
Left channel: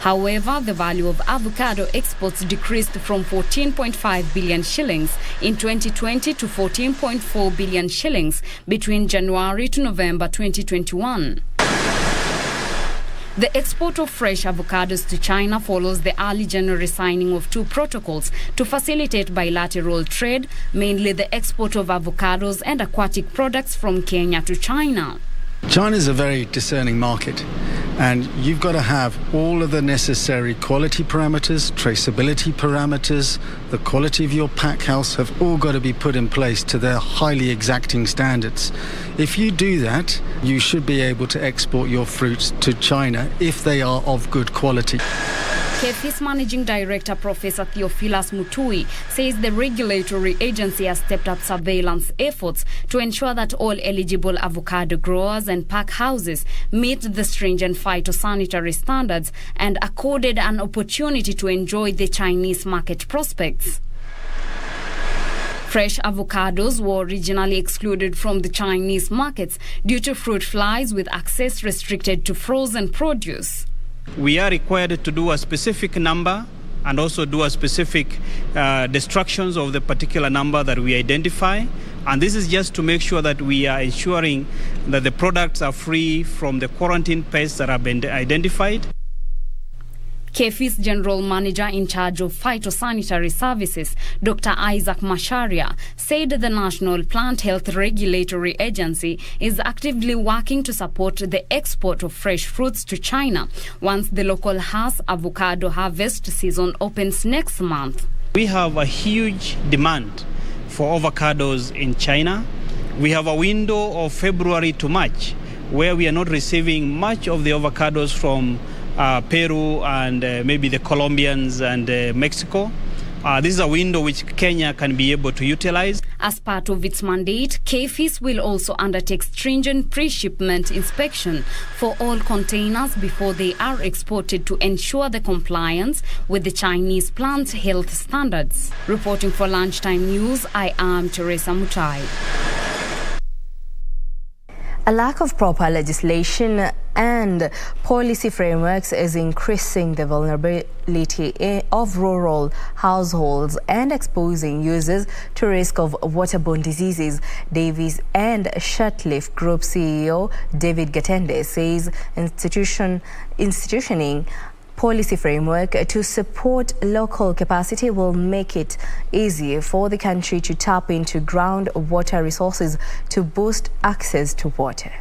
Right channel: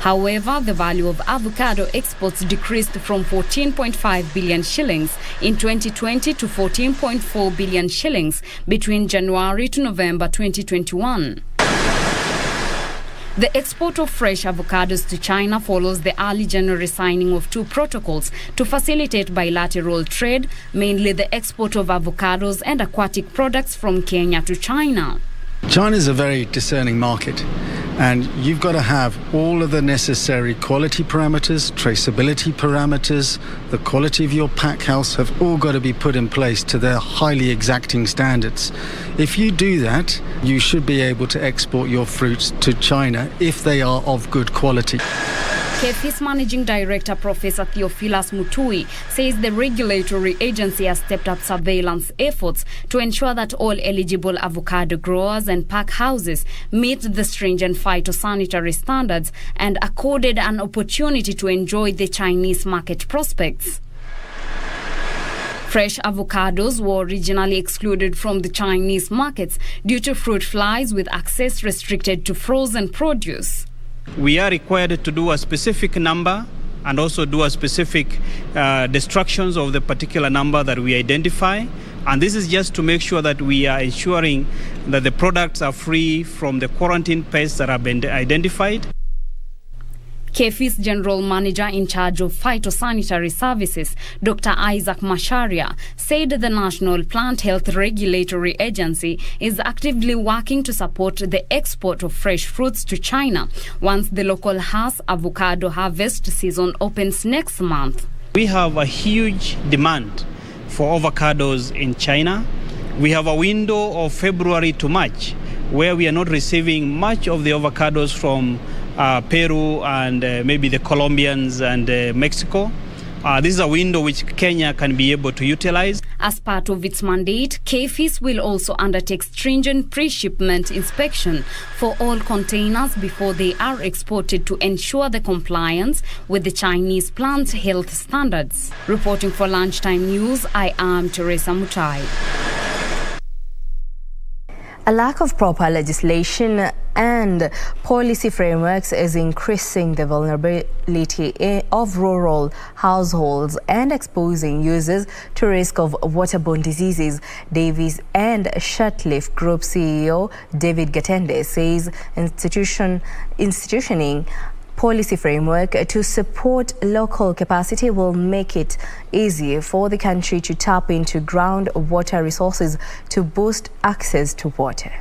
However, the value of avocado exports decreased from 14.5 billion shillings in 2020 to 14.4 billion shillings between January to November 2021. The export of fresh avocados to China follows the early January signing of 2 protocols to facilitate bilateral trade, mainly the export of avocados and aquatic products from Kenya to China. China is a very discerning market, and you've got to have all of the necessary quality parameters, traceability parameters, the quality of your pack house have all got to be put in place to their highly exacting standards. If you do that, you should be able to export your fruits to China if they are of good quality. KBC's Managing Director Professor Theophilus Mutui says the regulatory agency has stepped up surveillance efforts to ensure that all eligible avocado growers and pack houses meet the stringent phytosanitary standards and accorded an opportunity to enjoy the Chinese market prospects. Fresh avocados were originally excluded from the Chinese markets due to fruit flies, with access restricted to frozen produce. We are required to do a specific number and also do a specific destructions of the particular number that we identify. And this is just to make sure that we are ensuring that the products are free from the quarantine pests that have been identified. KBC's General Manager in charge of Phytosanitary Services, Dr. Isaac Masharia, said the National Plant Health Regulatory Agency is actively working to support the export of fresh fruits to China once the local Hass avocado harvest season opens next month. We have a huge demand for avocados in China. We have a window of February to March where we are not receiving much of the avocados from Peru and maybe the Colombians and Mexico. This is a window which Kenya can be able to utilize. As part of its mandate, KBC will also undertake stringent pre-shipment inspection for all containers before they are exported to ensure the compliance with the Chinese plant health standards. Reporting for Lunchtime News, I am Teresa Mutai. A lack of proper legislation and policy frameworks is increasing the vulnerability of rural households and exposing users to risk of waterborne diseases. Davis and Shirtleaf Group CEO David Gatende says institutioning policy framework to support local capacity will make it easier for the country to tap into groundwater resources to boost access to water.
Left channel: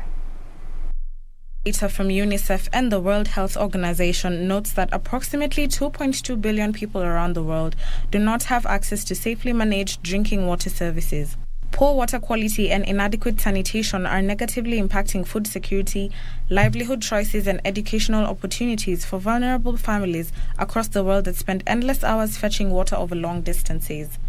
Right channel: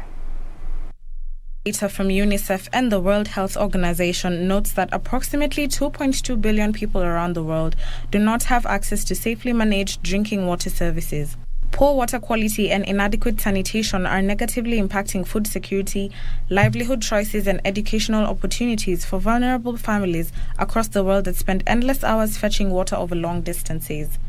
Data from UNICEF and the World Health Organization notes that approximately 2.2 billion people around the world do not have access to safely managed drinking water services. Poor water quality and inadequate sanitation are negatively impacting food security, livelihood choices, and educational opportunities for vulnerable families across the world that spend endless hours fetching water over long distances.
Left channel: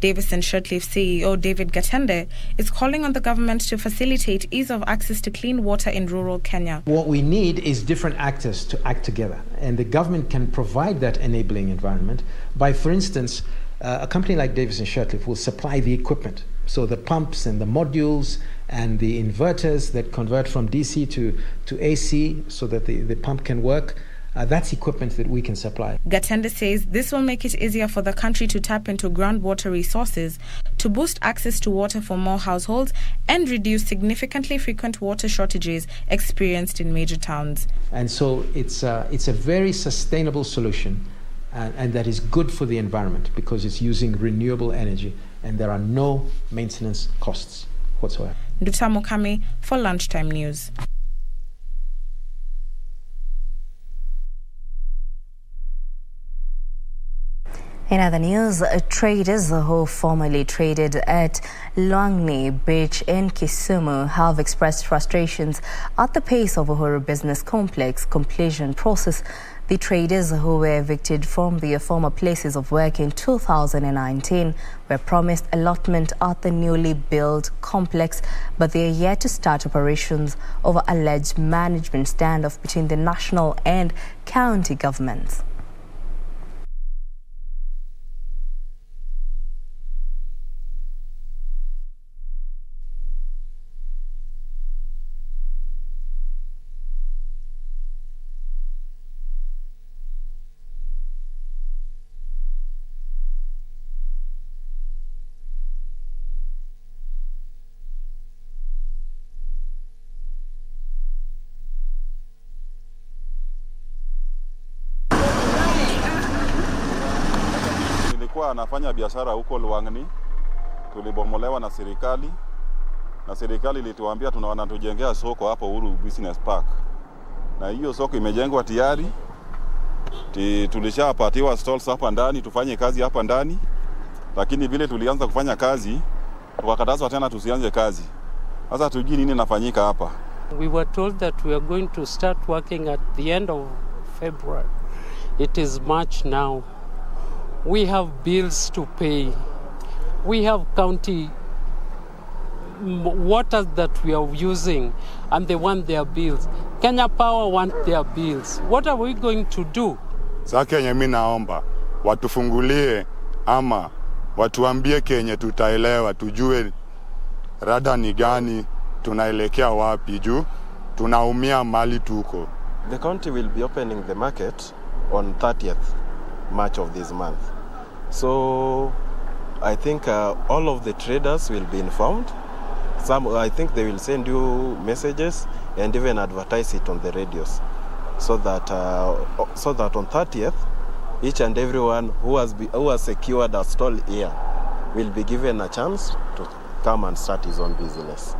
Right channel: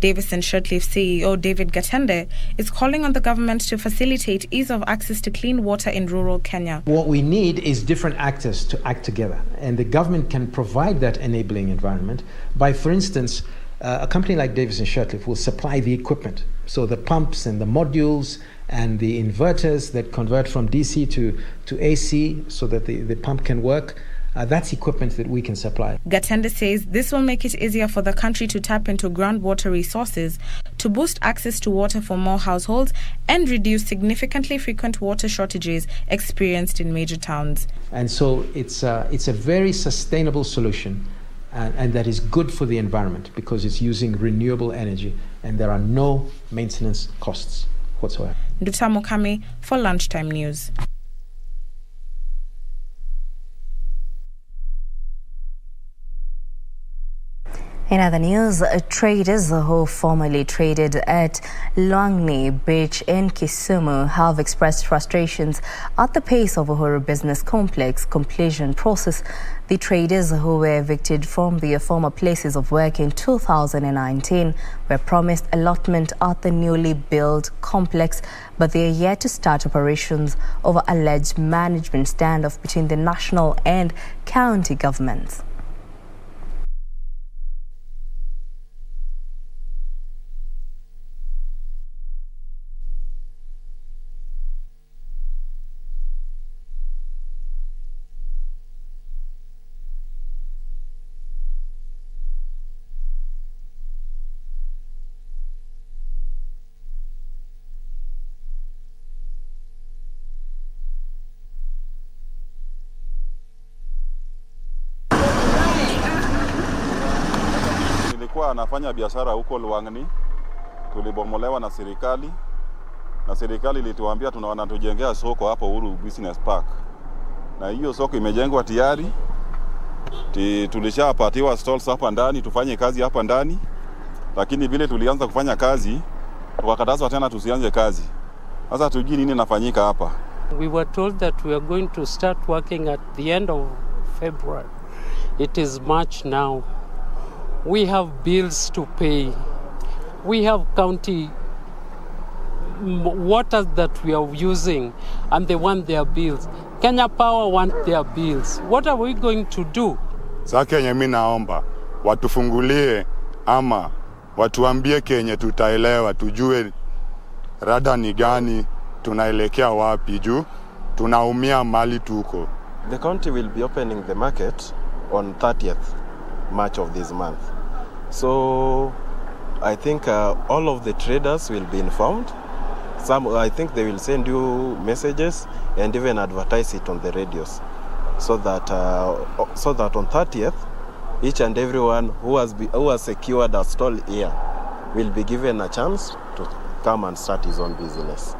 Davis and Shirtleaf CEO David Gatende is calling on the government to facilitate ease of access to clean water in rural Kenya. What we need is different actors to act together, and the government can provide that enabling environment by, for instance, a company like Davis and Shirtleaf will supply the equipment. So the pumps and the modules and the inverters that convert from DC to AC so that the pump can work, that's equipment that we can supply. Gatende says this will make it easier for the country to tap into groundwater resources to boost access to water for more households and reduce significantly frequent water shortages experienced in major towns. And so it's a very sustainable solution and that is good for the environment because it's using renewable energy and there are no maintenance costs whatsoever. Nduta Mukami for Lunchtime News. In other news, traders who formerly traded at Lwangni Beach in Kisumu have expressed frustrations at the pace of Uhuru Business Complex completion process. The traders who were evicted from their former places of work in 2019 were promised allotment at the newly built complex, but they are yet to start operations over alleged management standoff between the national and county governments. Nilikuwa anafanya biashara huko Lwangni, tulibomolewa na serikali ilituambia tunatujengea soko hapo Uhuru Business Park. Na hiyo soko imejengwa tayari. Tulishapatiwa stalls hapa ndani, tufanye kazi hapa ndani. Lakini vile tulianza kufanya kazi, tukakatazwa tena tusianze kazi. Sasa tujui nini nafanyika hapa. We were told that we are going to start working at the end of February. It is March now. We have bills to pay. We have county waters that we are using and they want their bills. Kenya Power want their bills. What are we going to do? Sasa Kenya, mimi naomba watufungulie ama watuambie Kenya tutaelewa, tujue rada ni gani, tunaelekea wapi juu tunaumia mali tuko. The county will be opening the market on 30th March of this month. So I think all of the traders will be informed. I think they will send you messages and even advertise it on the radios, so that on 30th, each and everyone who has secured a stall here will be given a chance to come and start his own business.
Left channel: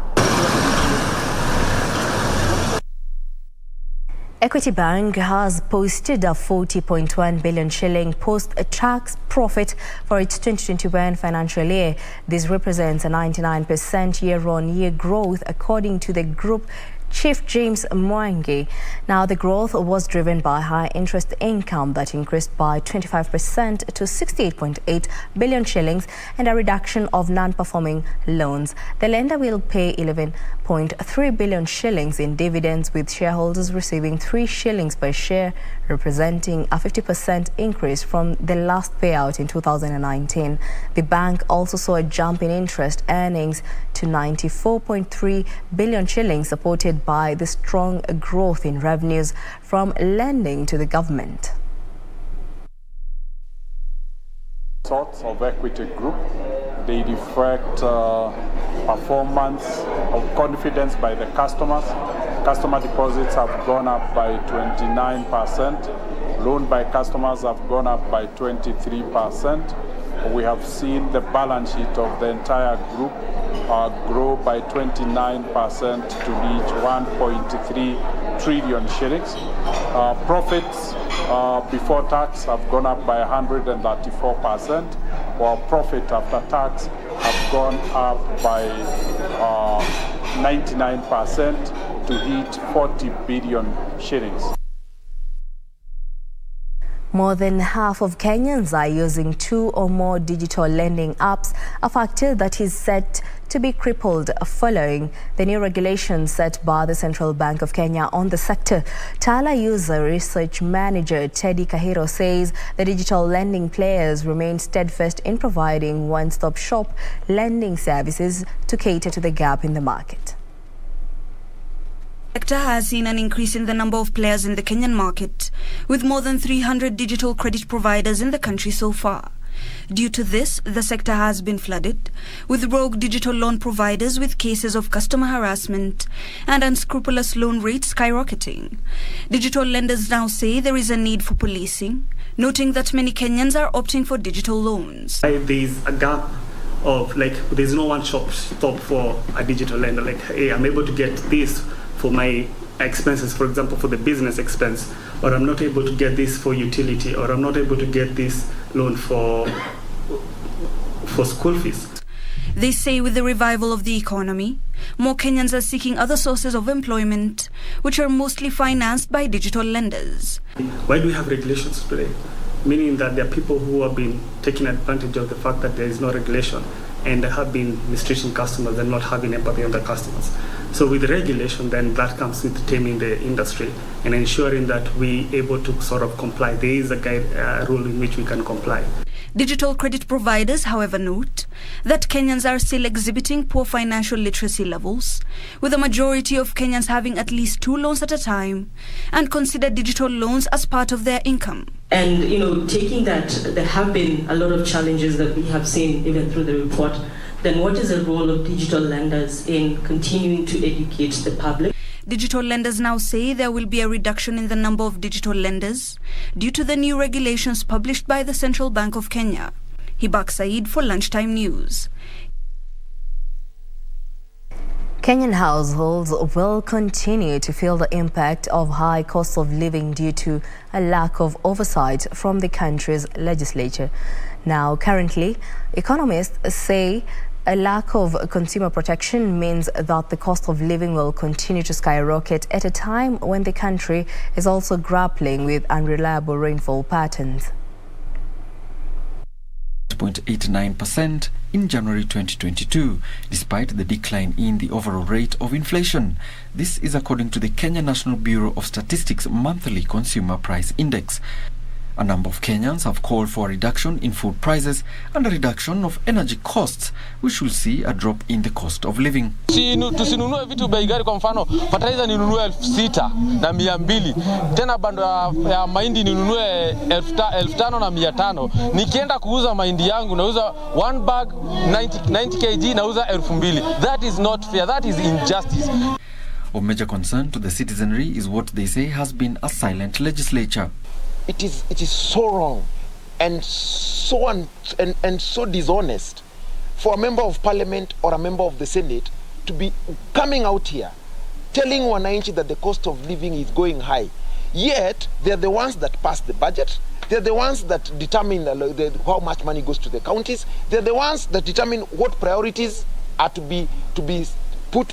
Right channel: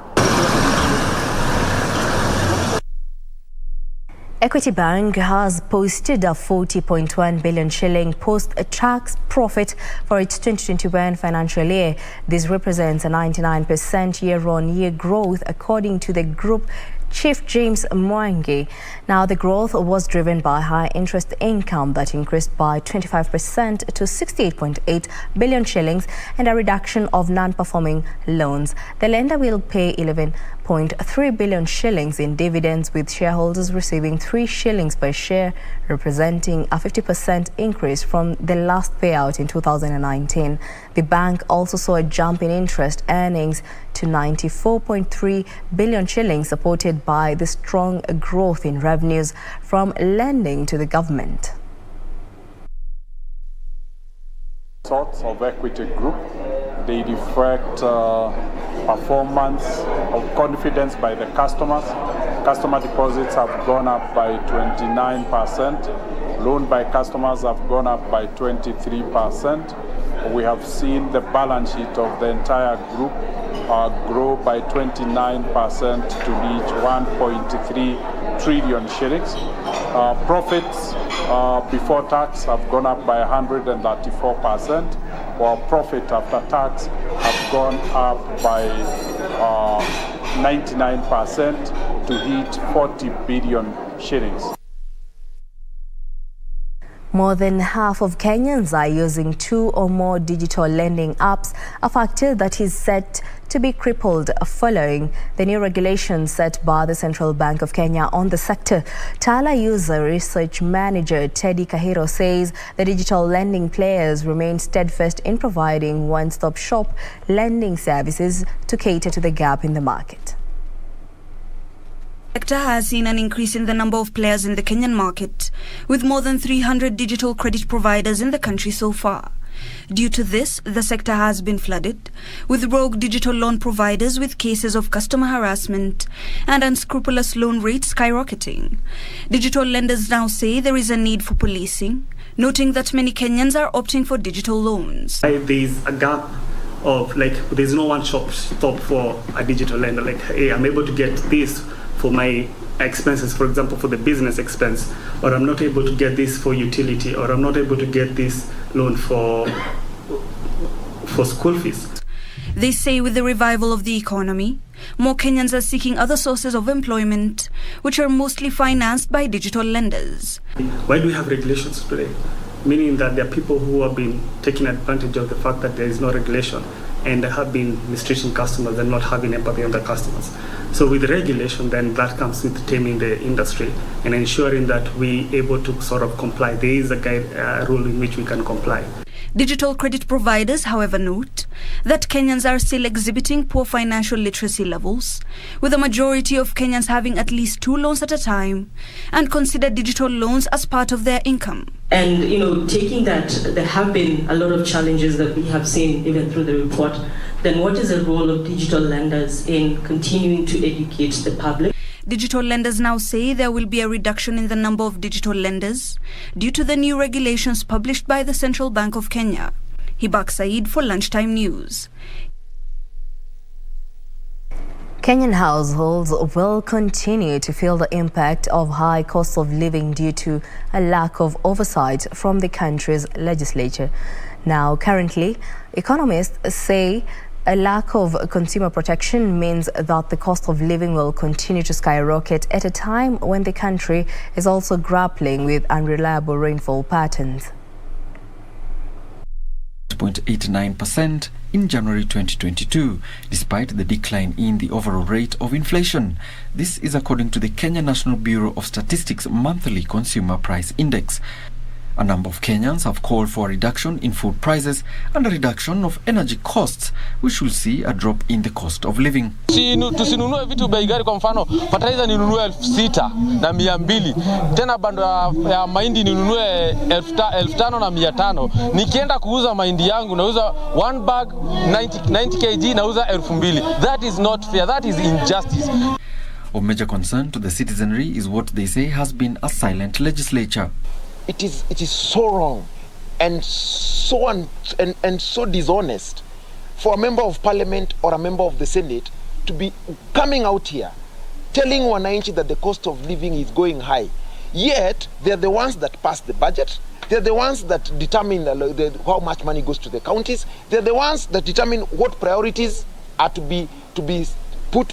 Equity Bank has posted a 40.1 billion shilling post-tax profit for its 2021 financial year. This represents a 99% year-on-year growth, according to the group Chief James Mwangi. Now, the growth was driven by high interest income that increased by 25% to 68.8 billion shillings and a reduction of non-performing loans. The lender will pay 11.3 billion shillings in dividends, with shareholders receiving 3 shillings per share, representing a 50% increase from the last payout in 2019. The bank also saw a jump in interest earnings to 94.3 billion shillings, supported by the strong growth in revenues from lending to the government. Sorts of equity group, they reflect performance of confidence by the customers. Customer deposits have gone up by 29%. Loan by customers have gone up by 23%. We have seen the balance sheet of the entire group grow by 29% to reach 1.3 trillion shillings. Profits before tax have gone up by 134%, while profit after tax have gone up by 99% to hit 40 billion shillings. More than half of Kenyans are using 2 or more digital lending apps, a factor that is set to be crippled following the new regulations set by the Central Bank of Kenya on the sector. Tala user research manager Teddy Kahiro says the digital lending players remain steadfast in providing one-stop shop lending services to cater to the gap in the market. The sector has seen an increase in the number of players in the Kenyan market, with more than 300 digital credit providers in the country so far. Due to this, the sector has been flooded with rogue digital loan providers, with cases of customer harassment and unscrupulous loan rates skyrocketing. Digital lenders now say there is a need for policing, noting that many Kenyans are opting for digital loans. There's a gap of there's no one stop for a digital lender. Hey, I'm able to get this for my expenses, for example, for the business expense, or I'm not able to get this for utility, or I'm not able to get this loan for school fees. They say with the revival of the economy, more Kenyans are seeking other sources of employment, which are mostly financed by digital lenders. Why do we have regulations today? Meaning that there are people who have been taking advantage of the fact that there is no regulation and have been mistreating customers and not having empathy on the customers. So with regulation, then that comes with taming the industry and ensuring that we able to sort of comply. There is a rule in which we can comply. Digital credit providers, however, note that Kenyans are still exhibiting poor financial literacy levels, with a majority of Kenyans having at least 2 loans at a time and consider digital loans as part of their income. And, taking that there have been a lot of challenges that we have seen even through the report, then what is the role of digital lenders in continuing to educate the public? Digital lenders now say there will be a reduction in the number of digital lenders due to the new regulations published by the Central Bank of Kenya. Hibak Said for Lunchtime News. Kenyan households will continue to feel the impact of high cost of living due to a lack of oversight from the country's legislature. Now, currently, economists say a lack of consumer protection means that the cost of living will continue to skyrocket at a time when the country is also grappling with unreliable rainfall patterns. 0.89% in January 2022, despite the decline in the overall rate of inflation. This is according to the Kenya National Bureau of Statistics Monthly Consumer Price Index. A number of Kenyans have called for a reduction in food prices and a reduction of energy costs, which will see a drop in the cost of living. Tusinunue vitu bei gari, kwa mfano fertilizer ninunue 6,200, tena bando ya mahindi ninunue 5,500. Nikienda kuuza mahindi yangu nauza 1 bag 90 kg nauza 2,000. That is not fair, that is injustice. Of major concern to the citizenry is what they say has been a silent legislature. It is so wrong and so dishonest for a member of parliament or a member of the Senate to be coming out here telling wananchi that the cost of living is going high. Yet they're the ones that pass the budget. They're the ones that determine how much money goes to the counties. They're the ones that determine what priorities are to be put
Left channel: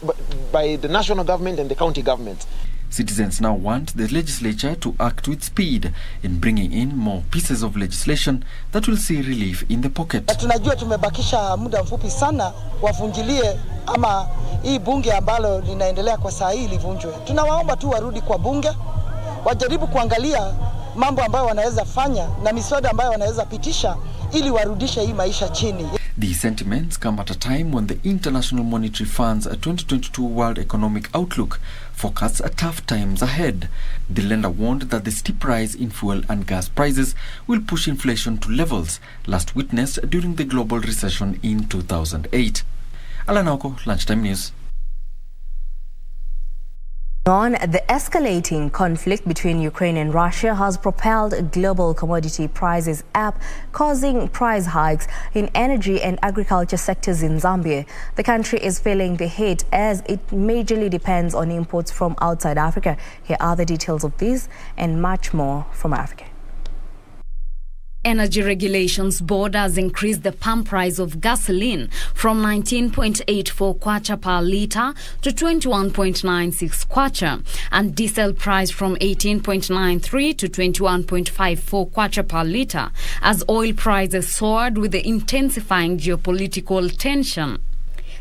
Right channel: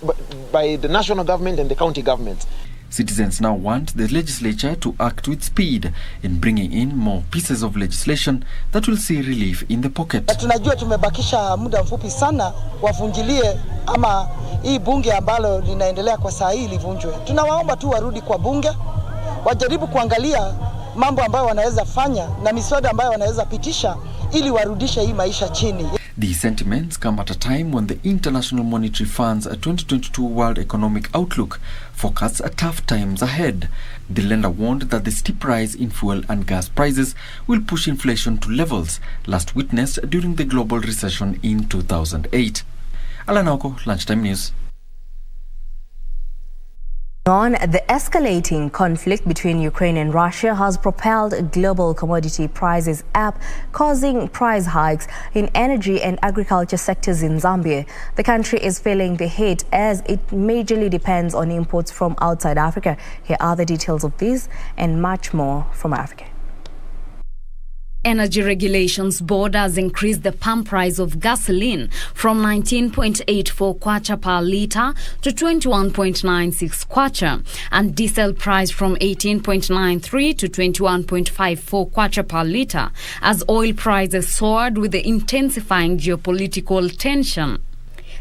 by the national government and the county governments. Citizens now want the legislature to act with speed in bringing in more pieces of legislation that will see relief in the pocket. Tunajua tumebakisha muda mfupi sana wavunjilie ama hii bunge ambalo linaendelea kwa saa hii livunjwe. Tunawaomba tu warudi kwa bunge, wajaribu kuangalia mambo ambayo wanaweza fanya na miswada ambayo wanaweza pitisha ili warudishe hii maisha chini. These sentiments come at a time when the International Monetary Fund's 2022 World Economic Outlook forecasts tough times ahead. The lender warned that the steep rise in fuel and gas prices will push inflation to levels last witnessed during the global recession in 2008. Alanoko, Lunchtime News. On, the escalating conflict between Ukraine and Russia has propelled global commodity prices up, causing price hikes in energy and agriculture sectors in Zambia. The country is feeling the hit as it majorly depends on imports from outside Africa. Here are the details of this and much more from Africa. Energy Regulations Board has increased the pump price of gasoline from 19.84 kwacha per litre to 21.96 kwacha, and diesel price from 18.93 to 21.54 kwacha per litre, as oil prices soared with the intensifying geopolitical tension.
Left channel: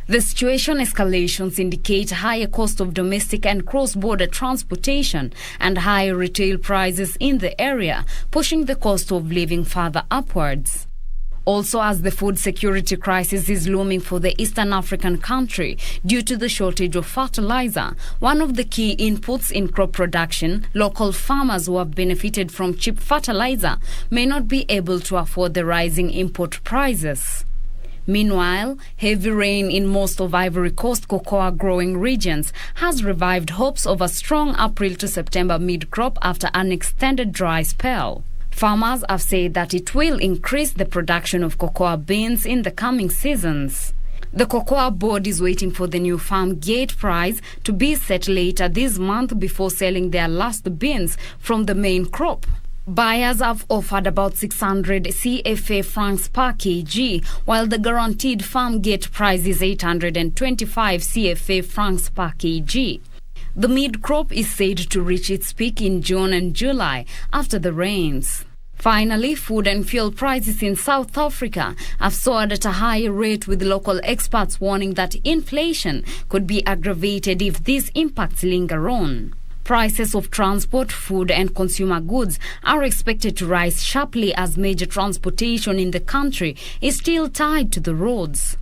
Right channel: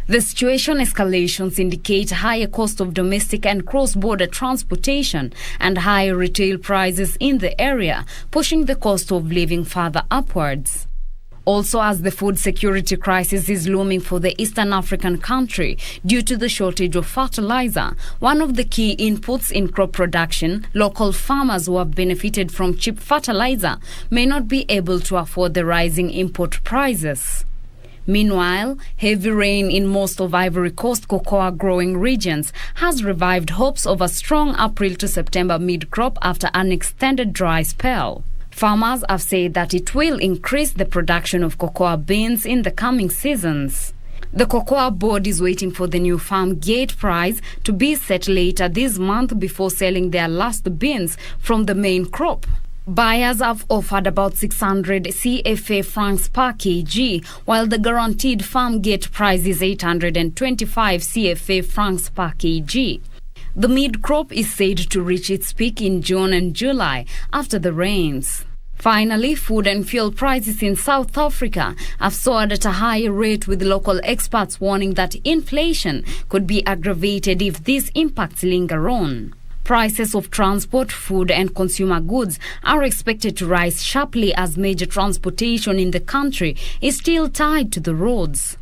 The situation escalations indicate higher cost of domestic and cross-border transportation and higher retail prices in the area, pushing the cost of living further upwards. Also, as the food security crisis is looming for the Eastern African country due to the shortage of fertilizer, one of the key inputs in crop production, local farmers who have benefited from cheap fertilizer may not be able to afford the rising import prices. Meanwhile, heavy rain in most of Ivory Coast cocoa growing regions has revived hopes of a strong April to September mid-crop after an extended dry spell. Farmers have said that it will increase the production of cocoa beans in the coming seasons. The Cocoa Board is waiting for the new farm gate price to be set later this month before selling their last beans from the main crop. Buyers have offered about 600 CFA francs per kg, while the guaranteed farm gate price is 825 CFA francs per kg. The mid-crop is said to reach its peak in June and July after the rains. Finally, food and fuel prices in South Africa have soared at a higher rate, with local experts warning that inflation could be aggravated if these impacts linger on. Prices of transport, food and consumer goods are expected to rise sharply as major transportation in the country is still tied to the roads.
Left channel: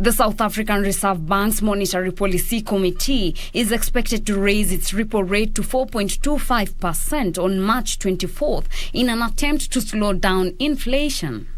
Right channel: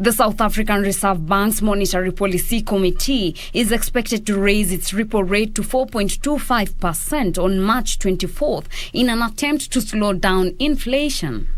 The South African Reserve Bank's Monetary Policy Committee is expected to raise its repo rate to 4.25% on March 24th in an attempt to slow down inflation.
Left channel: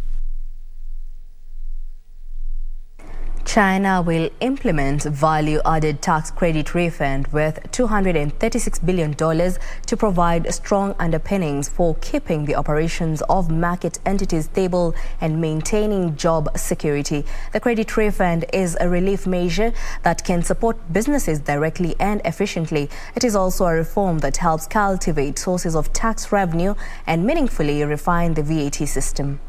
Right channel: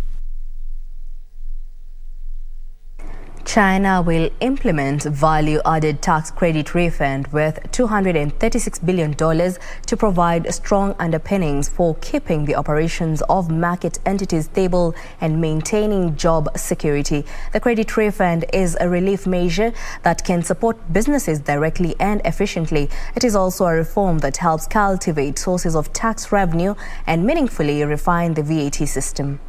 China will implement value-added tax credit refund worth $236 billion to provide strong underpinnings for keeping the operations of market entities stable and maintaining job security. The credit refund is a relief measure that can support businesses directly and efficiently. It is also a reform that helps cultivate sources of tax revenue and meaningfully refine the VAT system.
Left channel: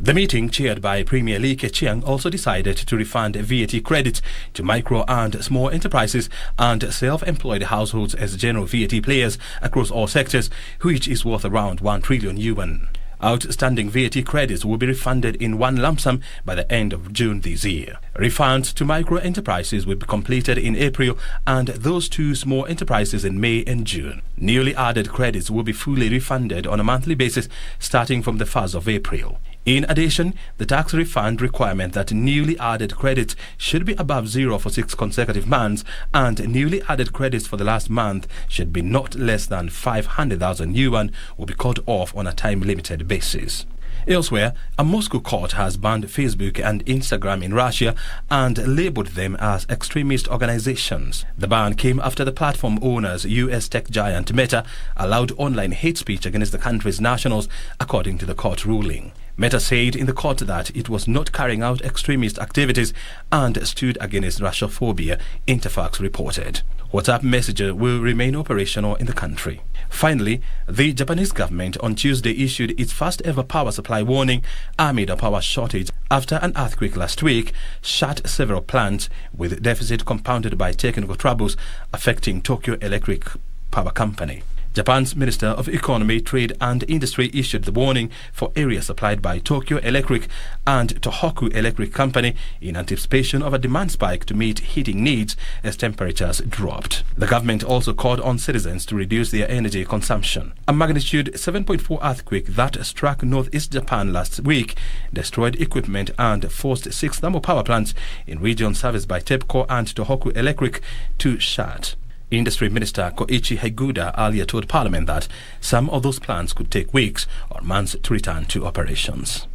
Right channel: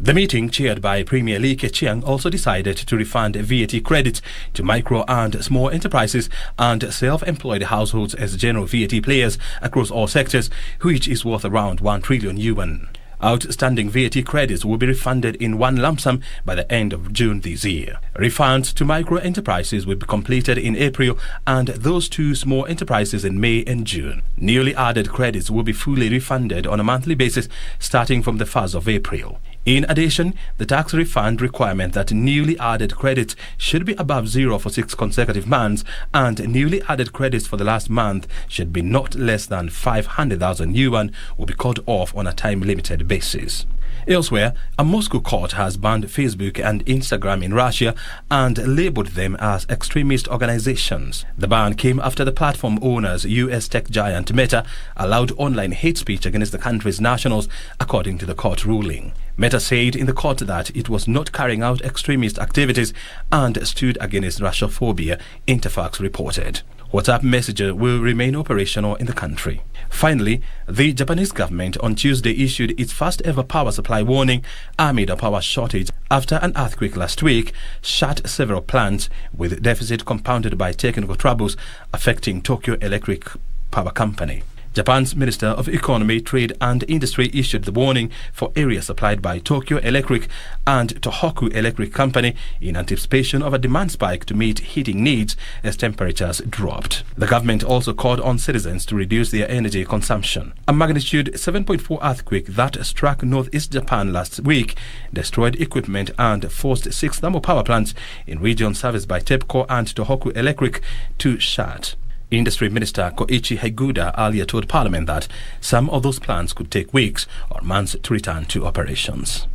The meeting, chaired by Premier Lee Keqiang, also decided to refund VAT credits to micro and small enterprises and self-employed households as general VAT players across all sectors, which is worth around 1 trillion yuan. Outstanding VAT credits will be refunded in one lump sum by the end of June this year. Refunds to micro enterprises will be completed in April and those to small enterprises in May and June. Newly added credits will be fully refunded on a monthly basis starting from the 1st of April. In addition, the tax refund requirement that newly added credits should be above zero for 6 consecutive months and newly added credits for the last month should be not less than 500,000 yuan will be cut off on a time-limited basis. Elsewhere, a Moscow court has banned Facebook and Instagram in Russia and labeled them as extremist organizations. The ban came after the platform owners, US tech giant Meta, allowed online hate speech against the country's nationals, according to the court ruling. Meta said in the court that it was not carrying out extremist activities and stood against Russophobia, Interfax reported. WhatsApp Messenger will remain operational in the country. Finally, the Japanese government on Tuesday issued its first ever power supply warning amid a power shortage after an earthquake last week shut several plants, with deficit compounded by technical troubles affecting Tokyo Electric Power Company. Japan's Minister of Economy, Trade and Industry issued the warning for areas supplied by Tokyo Electric and Tohoku Electric Company in anticipation of a demand spike to meet heating needs as temperatures dropped. The government also called on citizens to reduce their energy consumption. A magnitude 7.4 earthquake that struck northeast Japan last week destroyed equipment and forced 6 thermal power plants in regions serviced by TEPCO and Tohoku Electric to shut. Industry Minister Koichi Haiguda earlier told Parliament that some of those plants could take weeks or months to return to operations.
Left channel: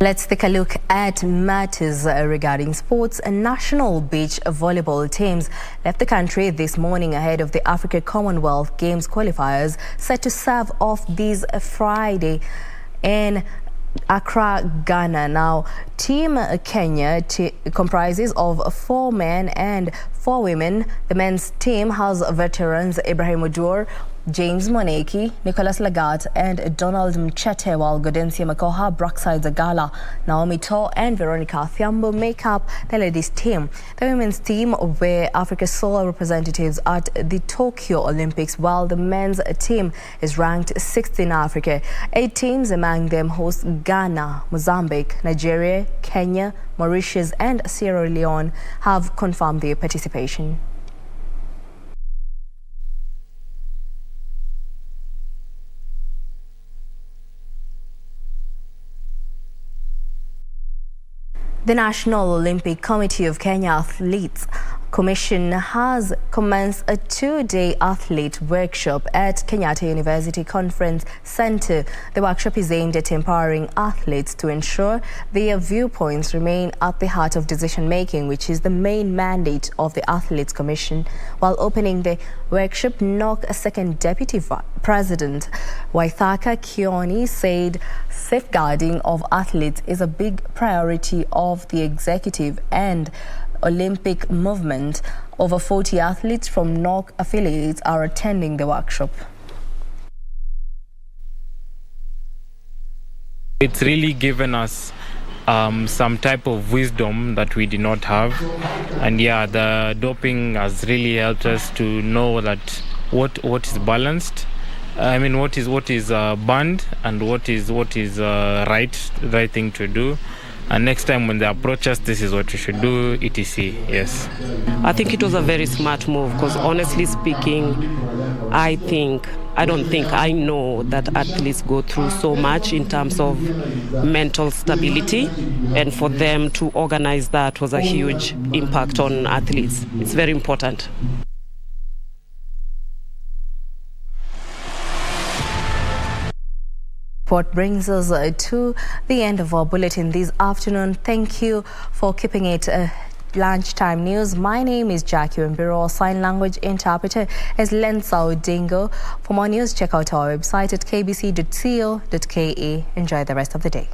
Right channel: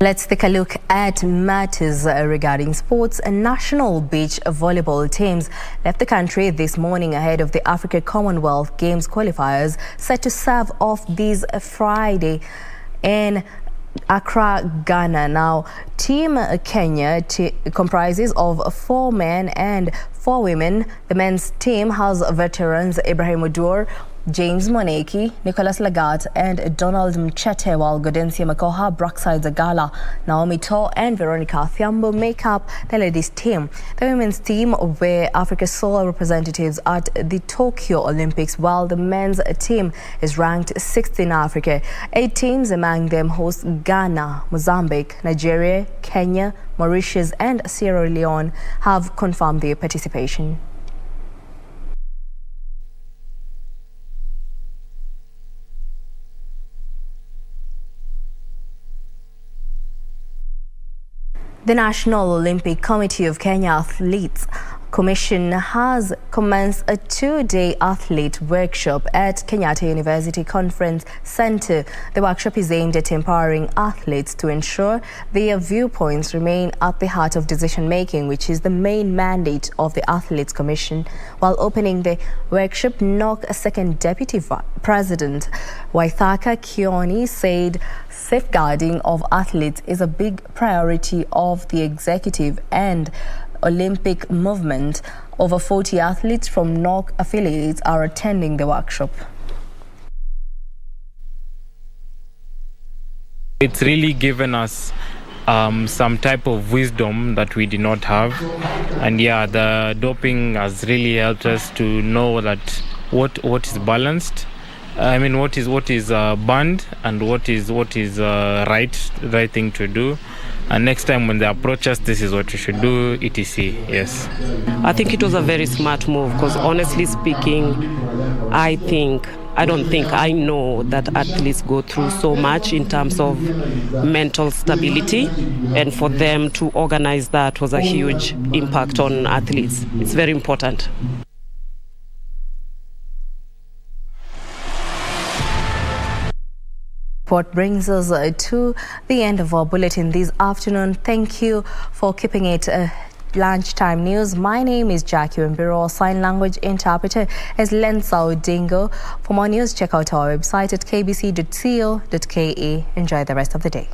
Let's take a look at matters regarding sports. National beach volleyball teams left the country this morning ahead of the Africa Commonwealth Games qualifiers set to serve off this Friday in Accra, Ghana. Now, Team Kenya comprises of 4 men and 4 women. The men's team has veterans Ibrahim Odur, James Moneki, Nicholas Lagat and Donald Mchete, while Gaudensia Makoha, Brookside Zagala, Naomi To and Veronica Thiambo make up the ladies' team. The women's team were Africa's sole representatives at the Tokyo Olympics, while the men's team is ranked 6th in Africa. 8 teams, among them host Ghana, Mozambique, Nigeria, Kenya, Mauritius and Sierra Leone, have confirmed their participation. The National Olympic Committee of Kenya athletes Commission has commenced a 2-day athlete workshop at Kenyatta University Conference Center. The workshop is aimed at empowering athletes to ensure their viewpoints remain at the heart of decision-making, which is the main mandate of the Athletes Commission. While opening the workshop, NOC Second Deputy President Waithaka Kioni said safeguarding of athletes is a big priority of the executive and Olympic movement. Over 40 athletes from NOC affiliates are attending the workshop. It's really given us some type of wisdom that we did not have, and yeah, the doping has really helped us to know that what is balanced. I mean, what is banned and what is right thing to do. And next time when they approach us, this is what we should do, etc. Yes. I think it was a very smart move because honestly speaking, I know that athletes go through so much in terms of mental stability, and for them to organize that was a huge impact on athletes. It's very important. What brings us to the end of our bulletin this afternoon. Thank you for keeping it Lunchtime News. My name is Jackie Wambiru. Sign language interpreter is Lensa Odingo. For more news, check out our website at kbc.co.ke. Enjoy the rest of the day.